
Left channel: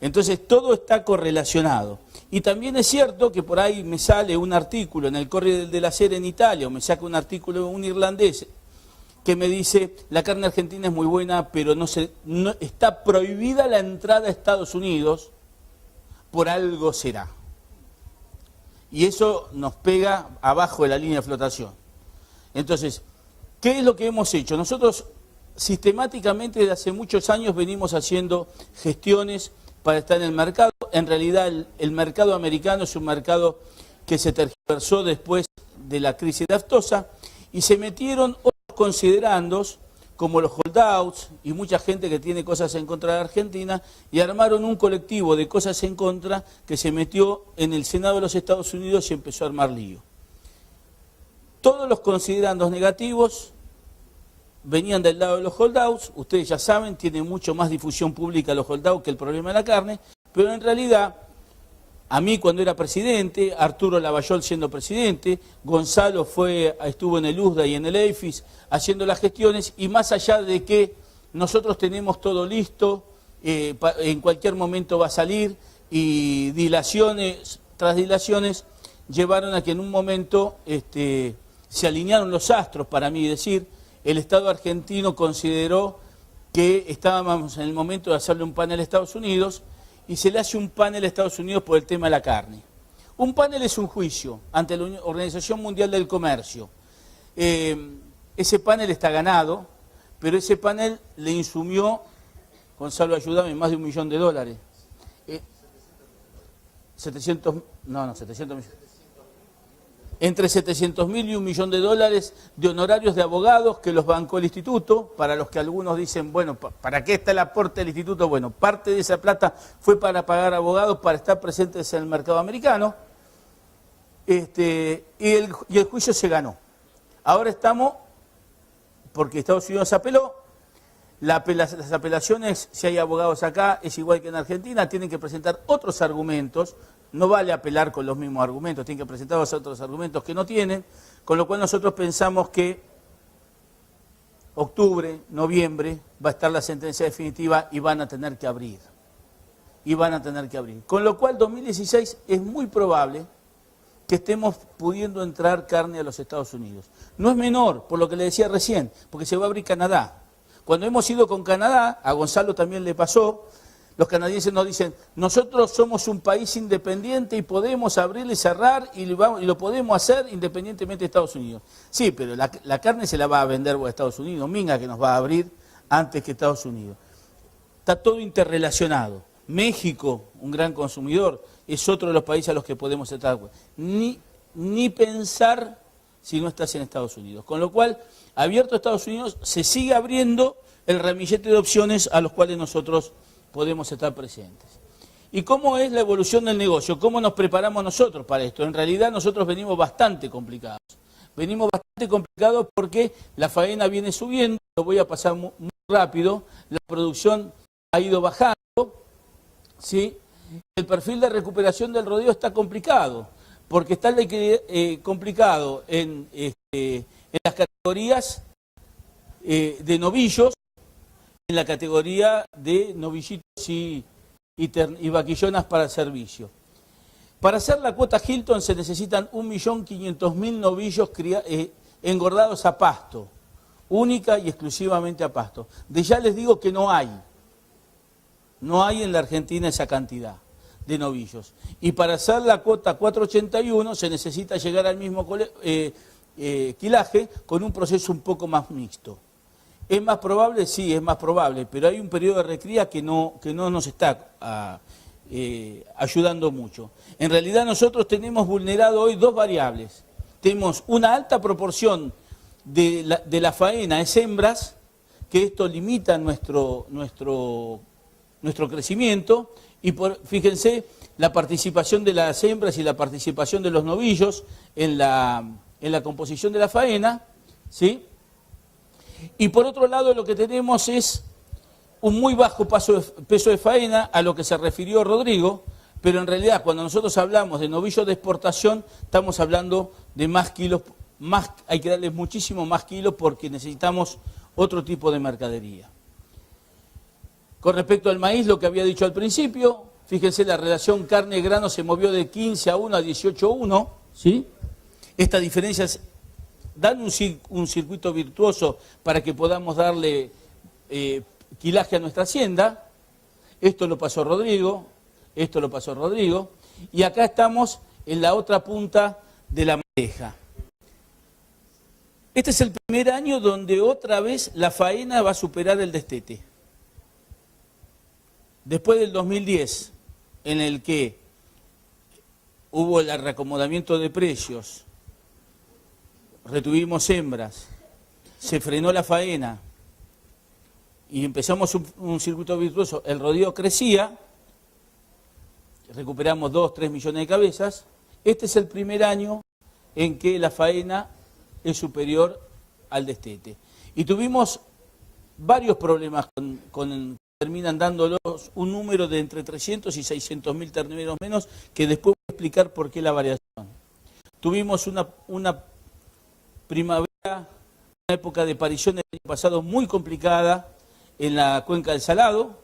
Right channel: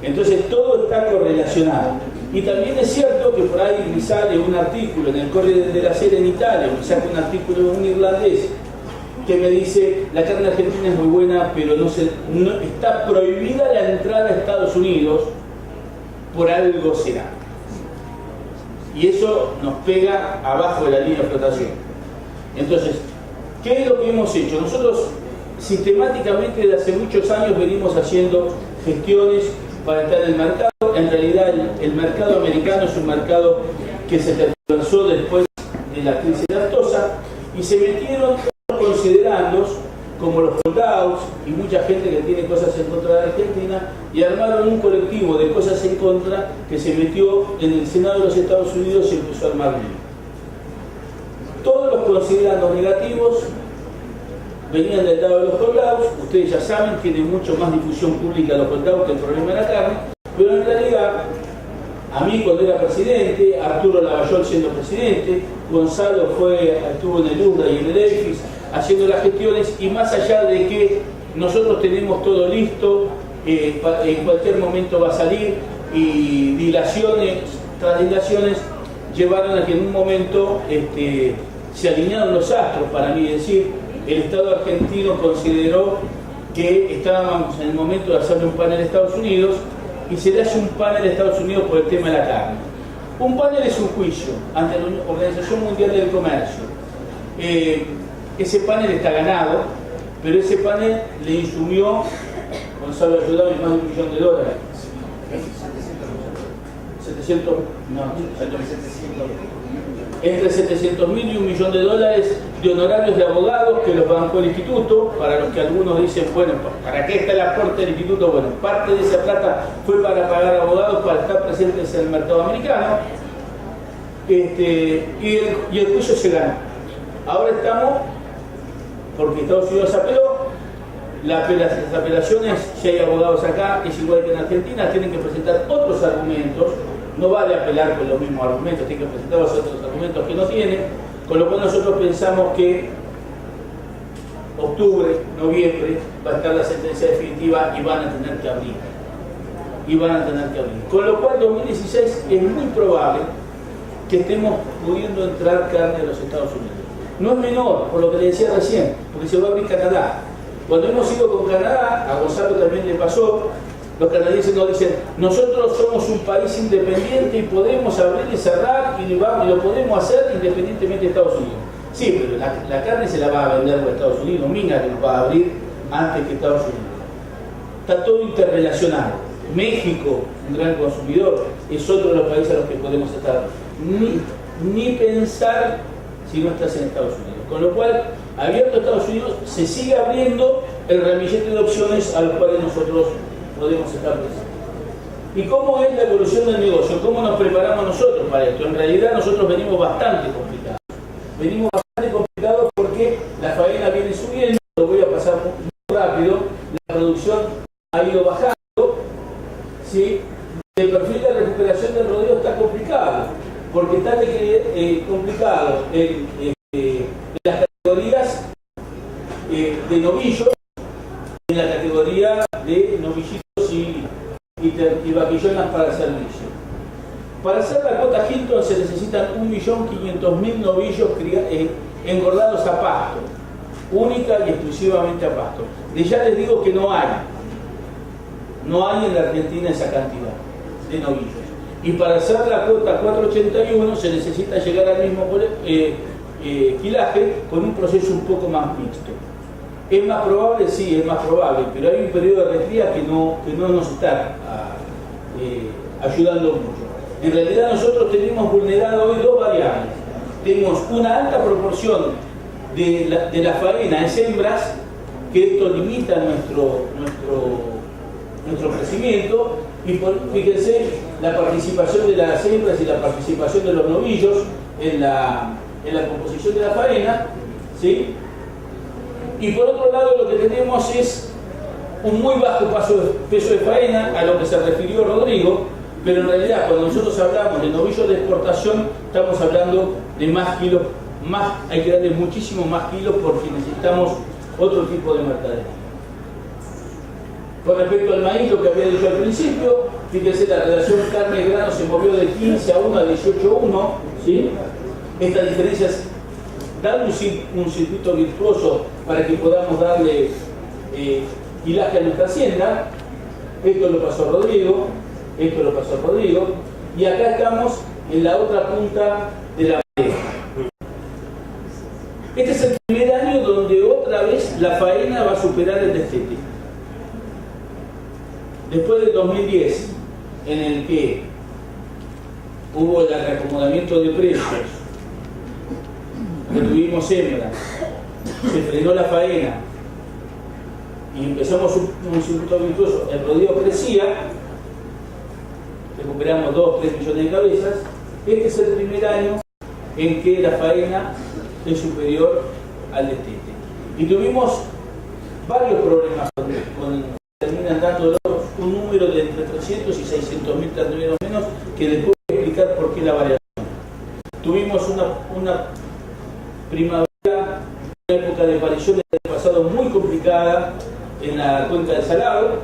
Entonces todo está correlacionado. Y también es cierto que por ahí me sale un artículo en el Corriere della Sera en Italia, me saca un artículo de un irlandés que me dice la carne argentina es muy buena, pero no está prohibida la entrada a Estados Unidos, por algo será. Y eso nos pega abajo de la línea de flotación. Entonces, ¿qué es lo que hemos hecho? Nosotros sistemáticamente desde hace muchos años venimos haciendo gestiones para estar en el mercado. En realidad el mercado americano es un mercado que se tergiversó después de la crisis naftosa y se metieron otros considerandos como los holdout y mucha gente que tiene cosas en contra de Argentina, y armaron un colectivo de cosas en contra que se metió en el Senado de los Estados Unidos y empezó a armar lío. Todos los considerandos negativos venían del lado de los holdouts. Ustedes ya saben, tienen mucho más difusión pública los holdouts que el problema de la carne, pero en realidad, a mí cuando era presidente, Arturo Lavallol siendo presidente, Gonzalo estuvo en el USDA y en el EFIS haciendo las gestiones, y más allá de que nosotros tenemos todo listo, en cualquier momento va a salir, y dilaciones tras dilaciones llevaron a que en un momento se alinearon los astros, para mí decir, el Estado argentino consideró que estábamos en el momento de hacerle un panel a Estados Unidos, y se le hace un panel a Estados Unidos por el tema de la carne. Un panel es un juicio ante la Organización Mundial del Comercio. Ese panel está ganado, pero ese panel le insumió, Gonzalo ayudame, más de $1 millón. 700, no, 700, entre 700.000 y $1 millón de honorarios de abogados que los bancó el instituto. Para los que algunos dicen, bueno, ¿para qué está el aporte del instituto? Bueno, parte de esa plata fue para pagar abogados para estar presentes en el mercado americano, y el juicio se ganó. Ahora estamos, porque Estados Unidos apeló. Las apelaciones, si hay abogados acá, es igual que en Argentina, tienen que presentar otros argumentos. No vale apelar con los mismos argumentos, tienen que presentar los otros argumentos que no tienen, con lo cual nosotros pensamos que octubre, noviembre, va a estar la sentencia definitiva y van a tener que abrir. Con lo cual 2016 es muy probable que estemos pudiendo entrar carne a los Estados Unidos. No es menor, por lo que le decía recién, porque se va a abrir Canadá. Cuando hemos ido con Canadá, a Gonzalo también le pasó, los canadienses nos dicen, nosotros somos un país independiente y podemos abrir y cerrar y lo podemos hacer independientemente de Estados Unidos. Sí, pero la carne se la va a vender por Estados Unidos, Minga que nos va a abrir antes que Estados Unidos. Está todo interrelacionado. México, un gran consumidor, es otro de los países a los que podemos estar. Ni pensar si no estás en Estados Unidos. Con lo cual, abierto a Estados Unidos, se sigue abriendo el ramillete de opciones a los cuales nosotros podemos estar presentes. ¿Y cómo es la evolución del negocio? ¿Cómo nos preparamos nosotros para esto? En realidad nosotros venimos bastante complicados. Venimos bastante complicados porque la faena viene subiendo, lo voy a pasar muy rápido, la producción ha ido bajando, ¿sí? El perfil de recuperación del rodeo está complicado, porque está complicado en las categorías de novillos, en la categoría de novillitos y vaquillonas para servicio. Para hacer la cuota Hilton se necesitan 1.500.000 novillos engordados a pasto, única y exclusivamente a pasto. De ya les digo que no hay en la Argentina esa cantidad de novillos. Y para hacer la cuota 481 se necesita llegar al mismo quilaje con un proceso un poco más mixto. ¿Es más probable? Sí, es más probable, pero hay un periodo de recría que no nos está ayudando mucho. En realidad nosotros tenemos vulnerado hoy dos variables. Tenemos una alta proporción de la faena en hembras, que esto limita nuestro crecimiento, y fíjense la participación de las hembras y la participación de los novillos en la composición de la faena, ¿sí? Y por otro lado lo que tenemos es un muy bajo peso de faena, a lo que se refirió Rodrigo, pero en realidad cuando nosotros hablamos de novillos de exportación estamos hablando de más kilos hay que darle muchísimo más kilos porque necesitamos otro tipo de mercadería. Con respecto al maíz, lo que había dicho al principio, fíjense, la relación carne-grano se movió de 15 a 1 a 18 a 1, ¿sí? Esta diferencia es dar un circuito virtuoso para que podamos darle kilaje a nuestra hacienda. Esto lo pasó Rodrigo, y acá estamos en la otra punta de la madera. Este es el primer año donde otra vez la faena va a superar el destete. Después del 2010, en el que hubo el reacomodamiento de precios, retuvimos hembras, se frenó la faena y empezamos un circuito virtuoso, el rodeo crecía, recuperamos 2-3 millones de cabezas. Este es el primer año en que la faena es superior al destete. Y tuvimos varios problemas terminan dándolos un número de entre 300 y 600 mil terneros menos, que después voy a explicar por qué la variación. Tuvimos una primavera, una época de parición del año pasado muy complicada en la cuenca del Salado.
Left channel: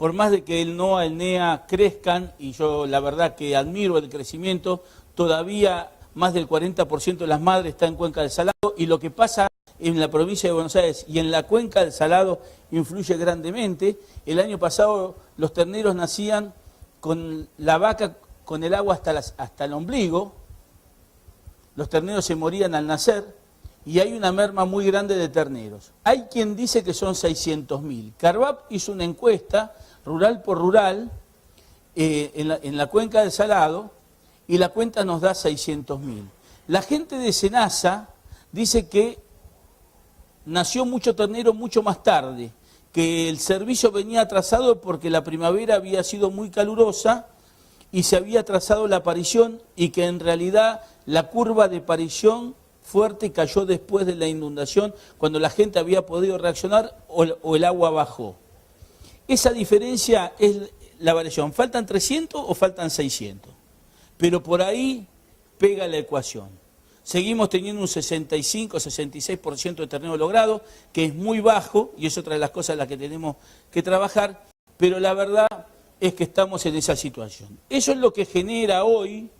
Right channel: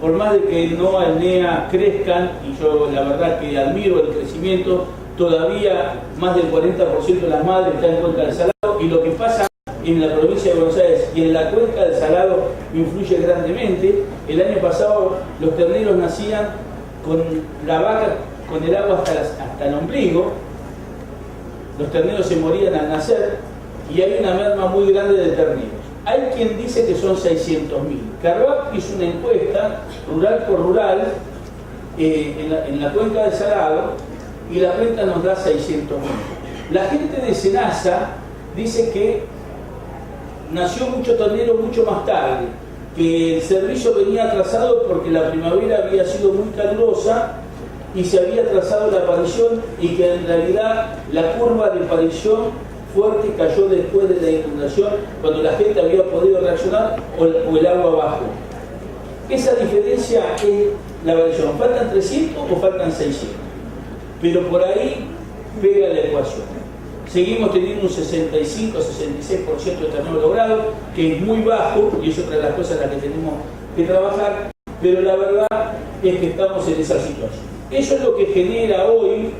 Por más de que el NOA, el NEA crezcan, y yo la verdad que admiro el crecimiento, todavía más del 40% de las madres están en cuenca del Salado, y lo que pasa en la provincia de Buenos Aires y en la cuenca del Salado influye grandemente. El año pasado los terneros nacían con la vaca con el agua hasta el ombligo, los terneros se morían al nacer y hay una merma muy grande de terneros. Hay quien dice que son 600.000. Carvap hizo una encuesta rural por rural en la cuenca del Salado y la cuenta nos da 600.000. La gente de Senasa dice que nació mucho ternero mucho más tarde, que el servicio venía atrasado porque la primavera había sido muy calurosa y se había atrasado la parición, y que en realidad la curva de parición fuerte cayó después de la inundación, cuando la gente había podido reaccionar o el agua bajó. Esa diferencia es la variación. ¿Faltan 300 o faltan 600? Pero por ahí pega la ecuación. Seguimos teniendo un 65-66% de ternero logrado, que es muy bajo, y es otra de las cosas en las que tenemos que trabajar, pero la verdad es que estamos en esa situación. Eso es lo que genera hoy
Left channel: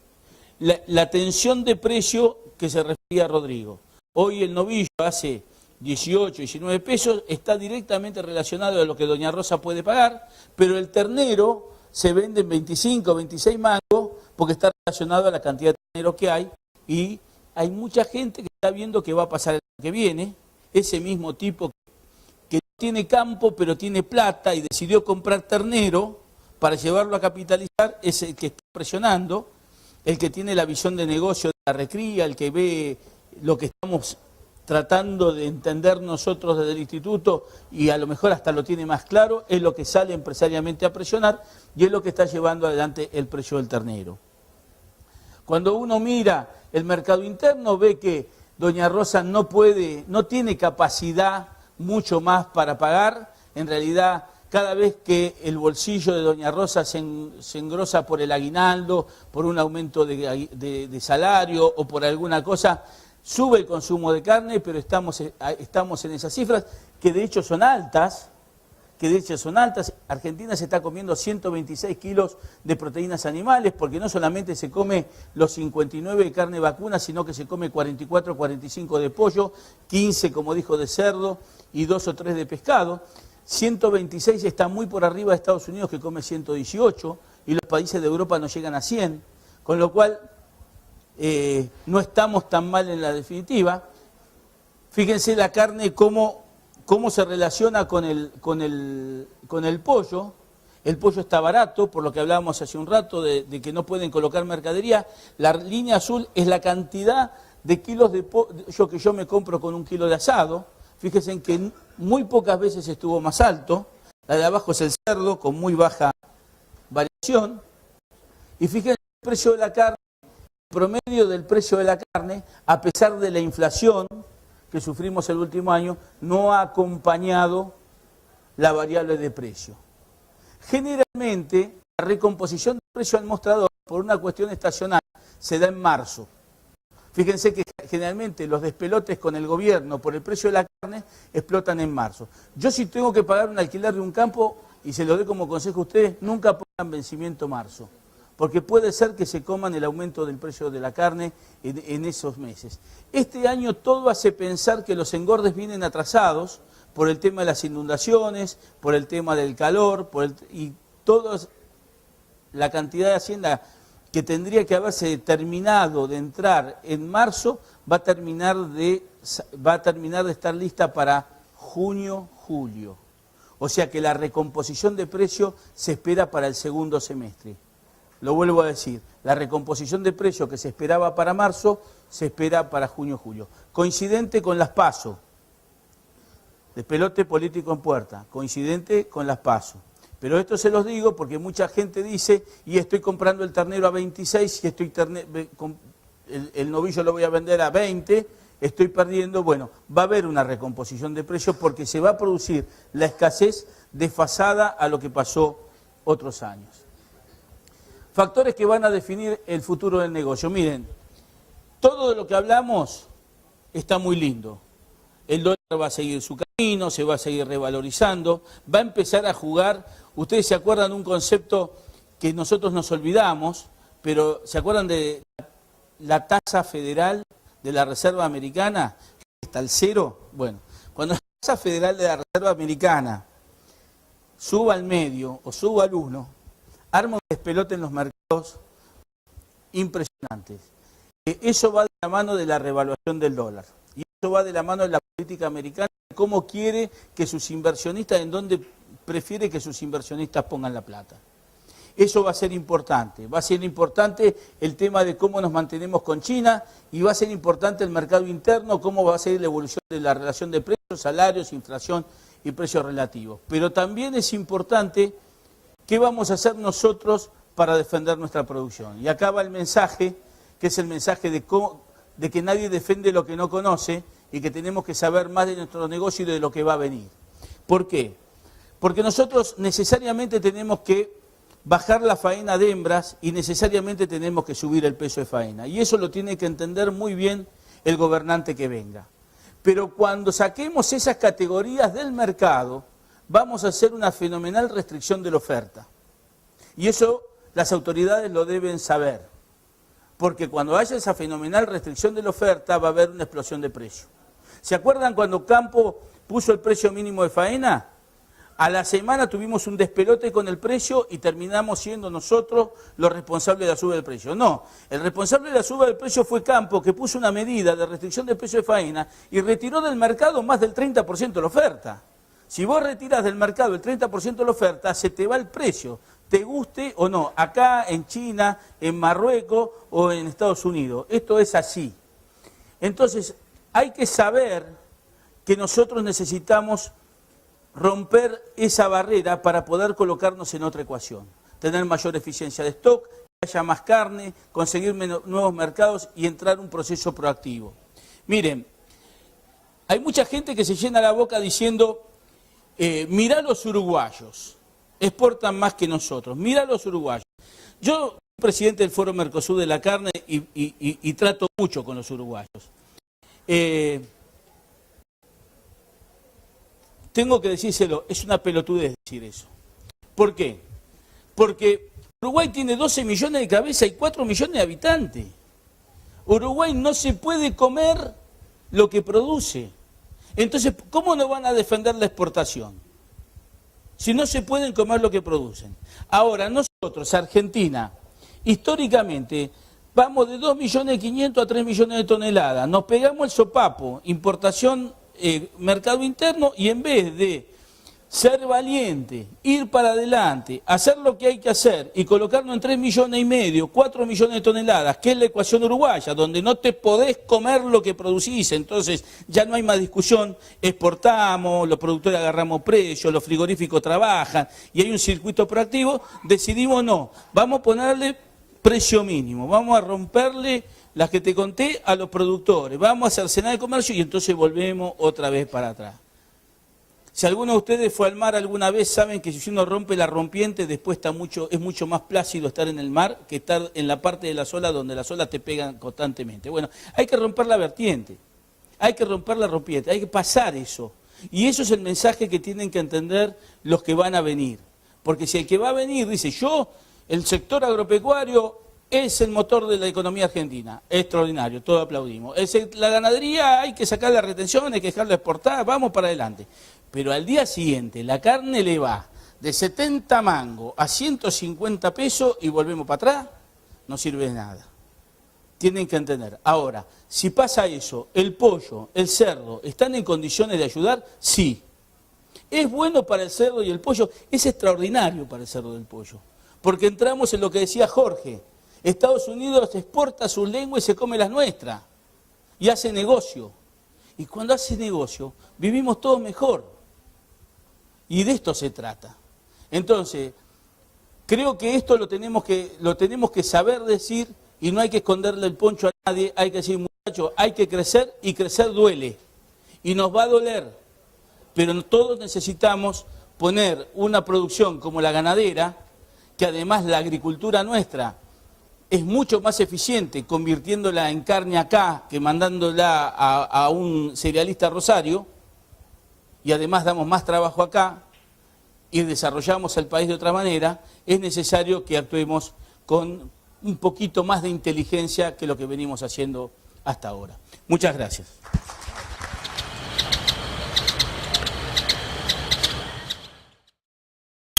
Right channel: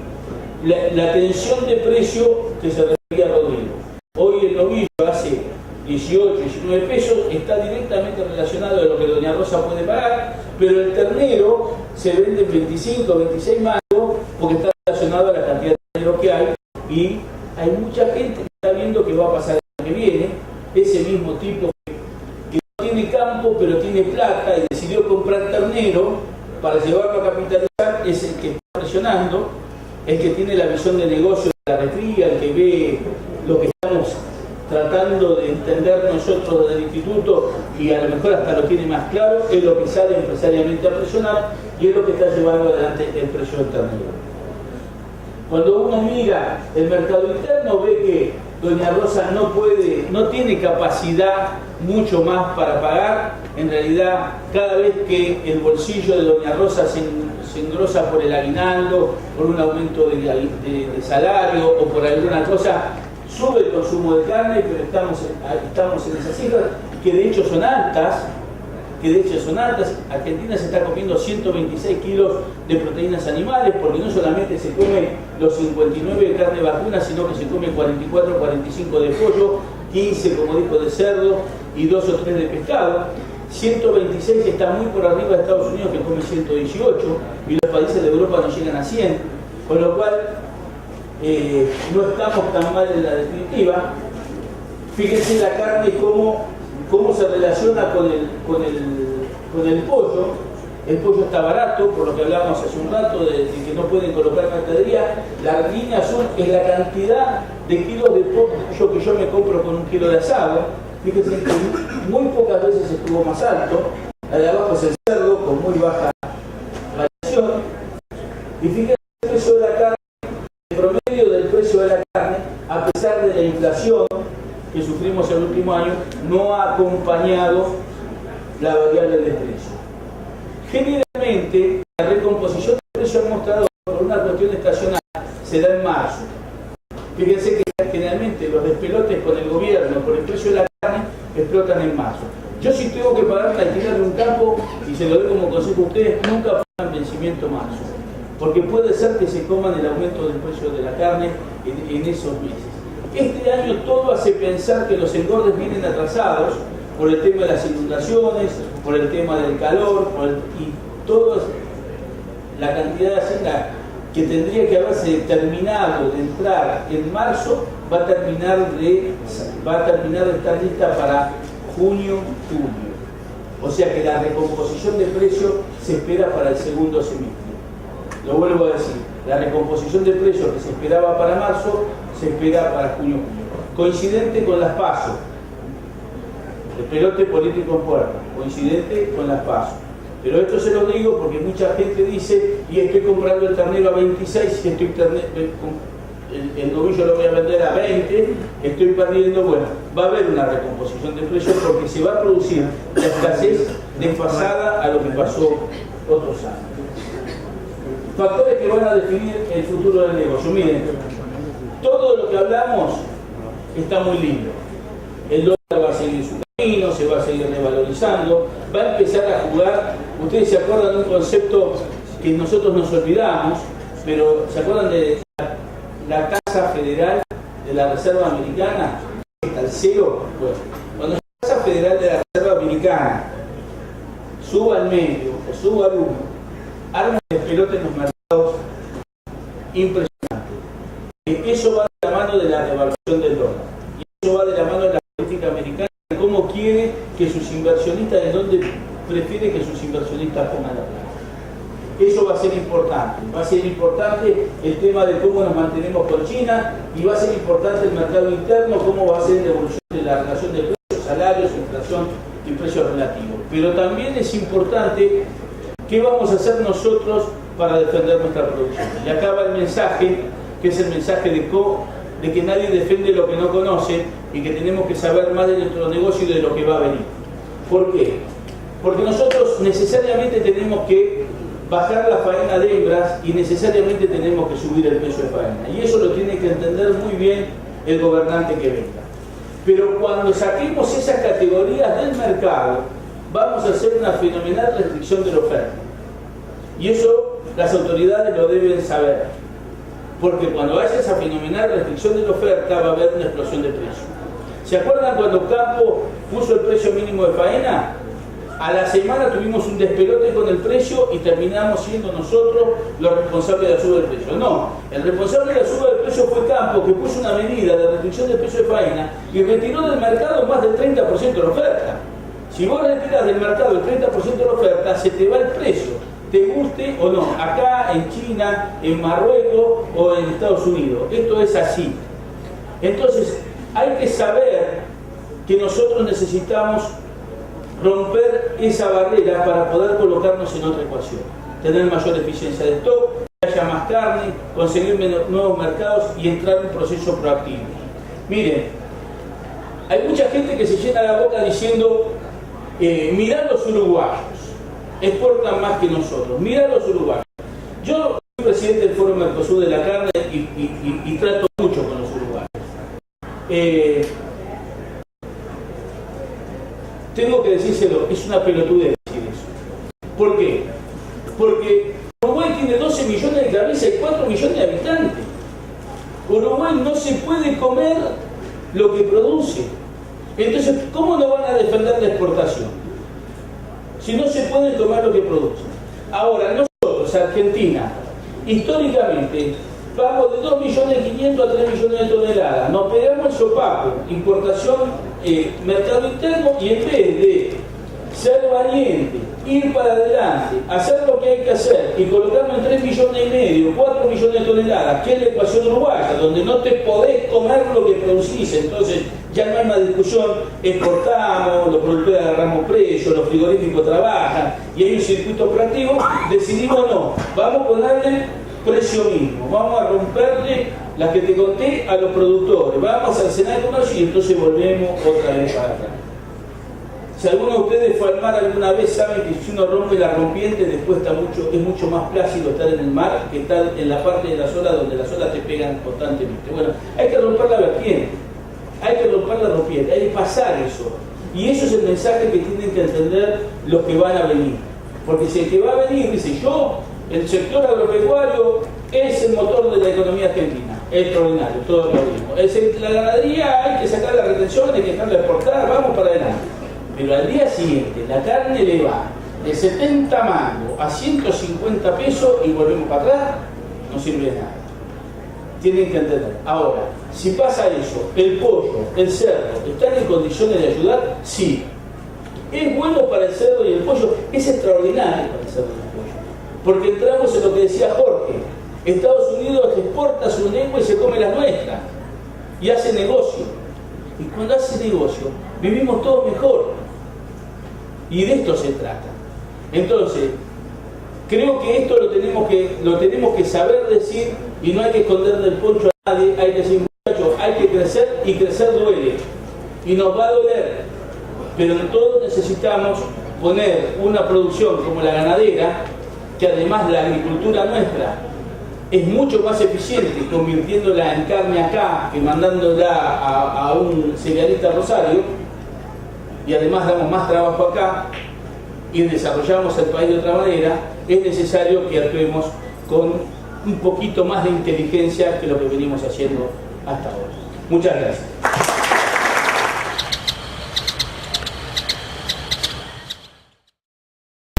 la tensión de precio que se refería a Rodrigo. Hoy el novillo hace 18, 19 pesos, está directamente relacionado a lo que Doña Rosa puede pagar, pero el ternero se vende en 25, 26 mangos, porque está relacionado a la cantidad de terneros que hay, y hay mucha gente que está viendo que va a pasar el año que viene, ese mismo tipo que no tiene campo pero tiene plata y decidió comprar ternero para llevarlo a capitalizar, es el que está presionando, el que tiene la visión de negocio de la recría, el que ve lo que estamos tratando de entender nosotros desde el instituto y a lo mejor hasta lo tiene más claro, es lo que sale empresariamente a presionar y es lo que está llevando adelante el precio del ternero. Cuando uno mira el mercado interno, ve que Doña Rosa no tiene capacidad mucho más para pagar. En realidad, cada vez que el bolsillo de Doña Rosa se engrosa por el aguinaldo, por un aumento de salario o por alguna cosa, sube el consumo de carne, pero estamos en esas cifras, que de hecho son altas. Argentina se está comiendo 126 kilos de proteínas animales, porque no solamente se come los 59 de carne vacuna, sino que se come 44 o 45 de pollo, 15, como dijo, de cerdo y 2 o 3 de pescado. 126 está muy por arriba de Estados Unidos, que come 118, y los países de Europa no llegan a 100, con lo cual no estamos tan mal en la definitiva. Fíjense la carne cómo se relaciona con el pollo. El pollo está barato, por lo que hablábamos hace un rato de que no pueden colocar mercadería. La línea azul es la cantidad de kilos de pollo que yo me compro con 1 kilo de asado. Fíjense que muy pocas veces estuvo más alto. La de abajo es el cerdo, con muy baja variación. Y fíjense el precio de la carne, el promedio del precio de la carne, a pesar de la inflación que sufrimos el último año, no ha acompañado la variable de precio. Generalmente, la recomposición de precio al mostrador, por una cuestión estacional, se da en marzo. Fíjense que generalmente los despelotes con el gobierno por el precio de la carne explotan en marzo. Yo si tengo que pagar el alquiler de un campo, y se lo doy como consejo a ustedes, nunca pongan vencimiento marzo, porque puede ser que se coman el aumento del precio de la carne en esos meses. Este año todo hace pensar que los engordes vienen atrasados por el tema de las inundaciones, por el tema del calor, y toda la cantidad de hacienda que tendría que haberse terminado de entrar en marzo va a terminar de estar lista para junio, julio. O sea que la recomposición de precios se espera para el segundo semestre. Lo vuelvo a decir, la recomposición de precios que se esperaba para marzo se espera para junio, julio. Coincidente con las PASO. El pelote político en puerta, coincidente con las PASO. Pero esto se los digo porque mucha gente dice, y estoy comprando el ternero a 26, y el novillo lo voy a vender a 20, estoy perdiendo. Bueno, va a haber una recomposición de precios porque se va a producir la escasez desfasada a lo que pasó otros años. Factores que van a definir el futuro del negocio. Miren, todo lo que hablamos está muy lindo. El dólar va a seguir su camino, se va a seguir revalorizando, va a empezar a jugar. Ustedes se acuerdan de un concepto que nosotros nos olvidamos, pero ¿se acuerdan de la tasa federal de la Reserva Americana? ¿Está al cero? Bueno, cuando la tasa federal de la Reserva Americana suba al medio o suba al 1, arma de pelota en los mercados impresionante. Eso va de la mano de la revaluación del dólar. Y eso va de la mano de la política americana, de cómo quiere que sus inversionistas, en dónde prefiere que sus inversionistas pongan la plata. Eso va a ser importante. Va a ser importante el tema de cómo nos mantenemos con China, y va a ser importante el mercado interno, cómo va a ser la evolución de la relación de precios, salarios, inflación y precios relativos. Pero también es importante qué vamos a hacer nosotros para defender nuestra producción. Y acá va el mensaje, que es el mensaje de que nadie defiende lo que no conoce, y que tenemos que saber más de nuestro negocio y de lo que va a venir. ¿Por qué? Porque nosotros necesariamente tenemos que bajar la faena de hembras y necesariamente tenemos que subir el peso de faena. Y eso lo tiene que entender muy bien el gobernante que venga. Pero cuando saquemos esas categorías del mercado, vamos a hacer una fenomenal restricción de la oferta. Y eso las autoridades lo deben saber. Porque cuando haya esa fenomenal restricción de la oferta, va a haber una explosión de precios. ¿Se acuerdan cuando Campo puso el precio mínimo de faena? A la semana tuvimos un despelote con el precio y terminamos siendo nosotros los responsables de la suba del precio. No, el responsable de la suba del precio fue Campo, que puso una medida de restricción del precio de faena y retiró del mercado más del 30% de la oferta. Si vos retiras del mercado el 30% de la oferta, se te va el precio, te guste o no, acá, en China, en Marruecos o en Estados Unidos. Esto es así. Entonces, hay que saber que nosotros necesitamos romper esa barrera para poder colocarnos en otra ecuación, tener mayor eficiencia de stock, que haya más carne, conseguir nuevos mercados y entrar en un proceso proactivo. Miren, hay mucha gente que se llena la boca diciendo, mirá los uruguayos, exportan más que nosotros, mirá los uruguayos. Yo soy presidente del Foro Mercosur de la carne y trato mucho con los uruguayos. Tengo que decírselo, es una pelotudez decir eso. ¿Por qué? Porque Uruguay tiene 12 millones de cabezas y 4 millones de habitantes. Uruguay no se puede comer lo que produce. Entonces, ¿cómo no van a defender la exportación? Si no se pueden comer lo que producen. Ahora, nosotros, Argentina, históricamente, vamos de 2.500.000 a 3 millones de toneladas. Nos pegamos el sopapo, importación, mercado interno, y en vez de ser valiente, ir para adelante, hacer lo que hay que hacer y colocarnos en 3,5 millones, 4 millones de toneladas, que es la ecuación uruguaya, donde no te podés comer lo que producís, entonces ya no hay más discusión, exportamos, los productores agarramos precios, los frigoríficos trabajan y hay un circuito operativo, decidimos no, vamos a ponerle precio mínimo, vamos a romperle las que te conté a los productores, vamos a cercenar el comercio y entonces volvemos otra vez para atrás. Si alguno de ustedes fue al mar alguna vez, saben que si uno rompe la rompiente, después es mucho más plácido estar en el mar que estar en la parte de las olas donde las olas te pegan constantemente. Bueno, hay que romper la vertiente, hay que romper la rompiente, hay que pasar eso. Y eso es el mensaje que tienen que entender los que van a venir. Porque si el que va a venir dice, el sector agropecuario es el motor de la economía argentina, es extraordinario, todos lo vimos. La ganadería hay que sacar la retención, hay que dejarla exportar, vamos para adelante. Pero al día siguiente la carne le va de 70 mangos a 150 pesos y volvemos para atrás, no sirve de nada. Tienen que entender. Ahora, si pasa eso, el pollo, el cerdo, ¿están en condiciones de ayudar? Sí. ¿Es bueno para el cerdo y el pollo? Es extraordinario para el cerdo y el pollo. Porque entramos en lo que decía Jorge. Estados Unidos exporta su lengua y se come las nuestras. Y hace negocio. Y cuando hace negocio, vivimos todos mejor. Y de esto se trata. Entonces, creo que esto lo tenemos que saber decir y no hay que esconderle el poncho a nadie. Hay que decir, muchachos, hay que crecer y crecer duele. Y nos va a doler. Pero todos necesitamos poner una producción como la ganadera, que además la agricultura nuestra es mucho más eficiente convirtiéndola en carne acá que mandándola a un cerealista Rosario, y además damos más trabajo acá y desarrollamos el país de otra manera. Es necesario que actuemos con un poquito más de inteligencia que lo que venimos haciendo hasta ahora. Muchas gracias.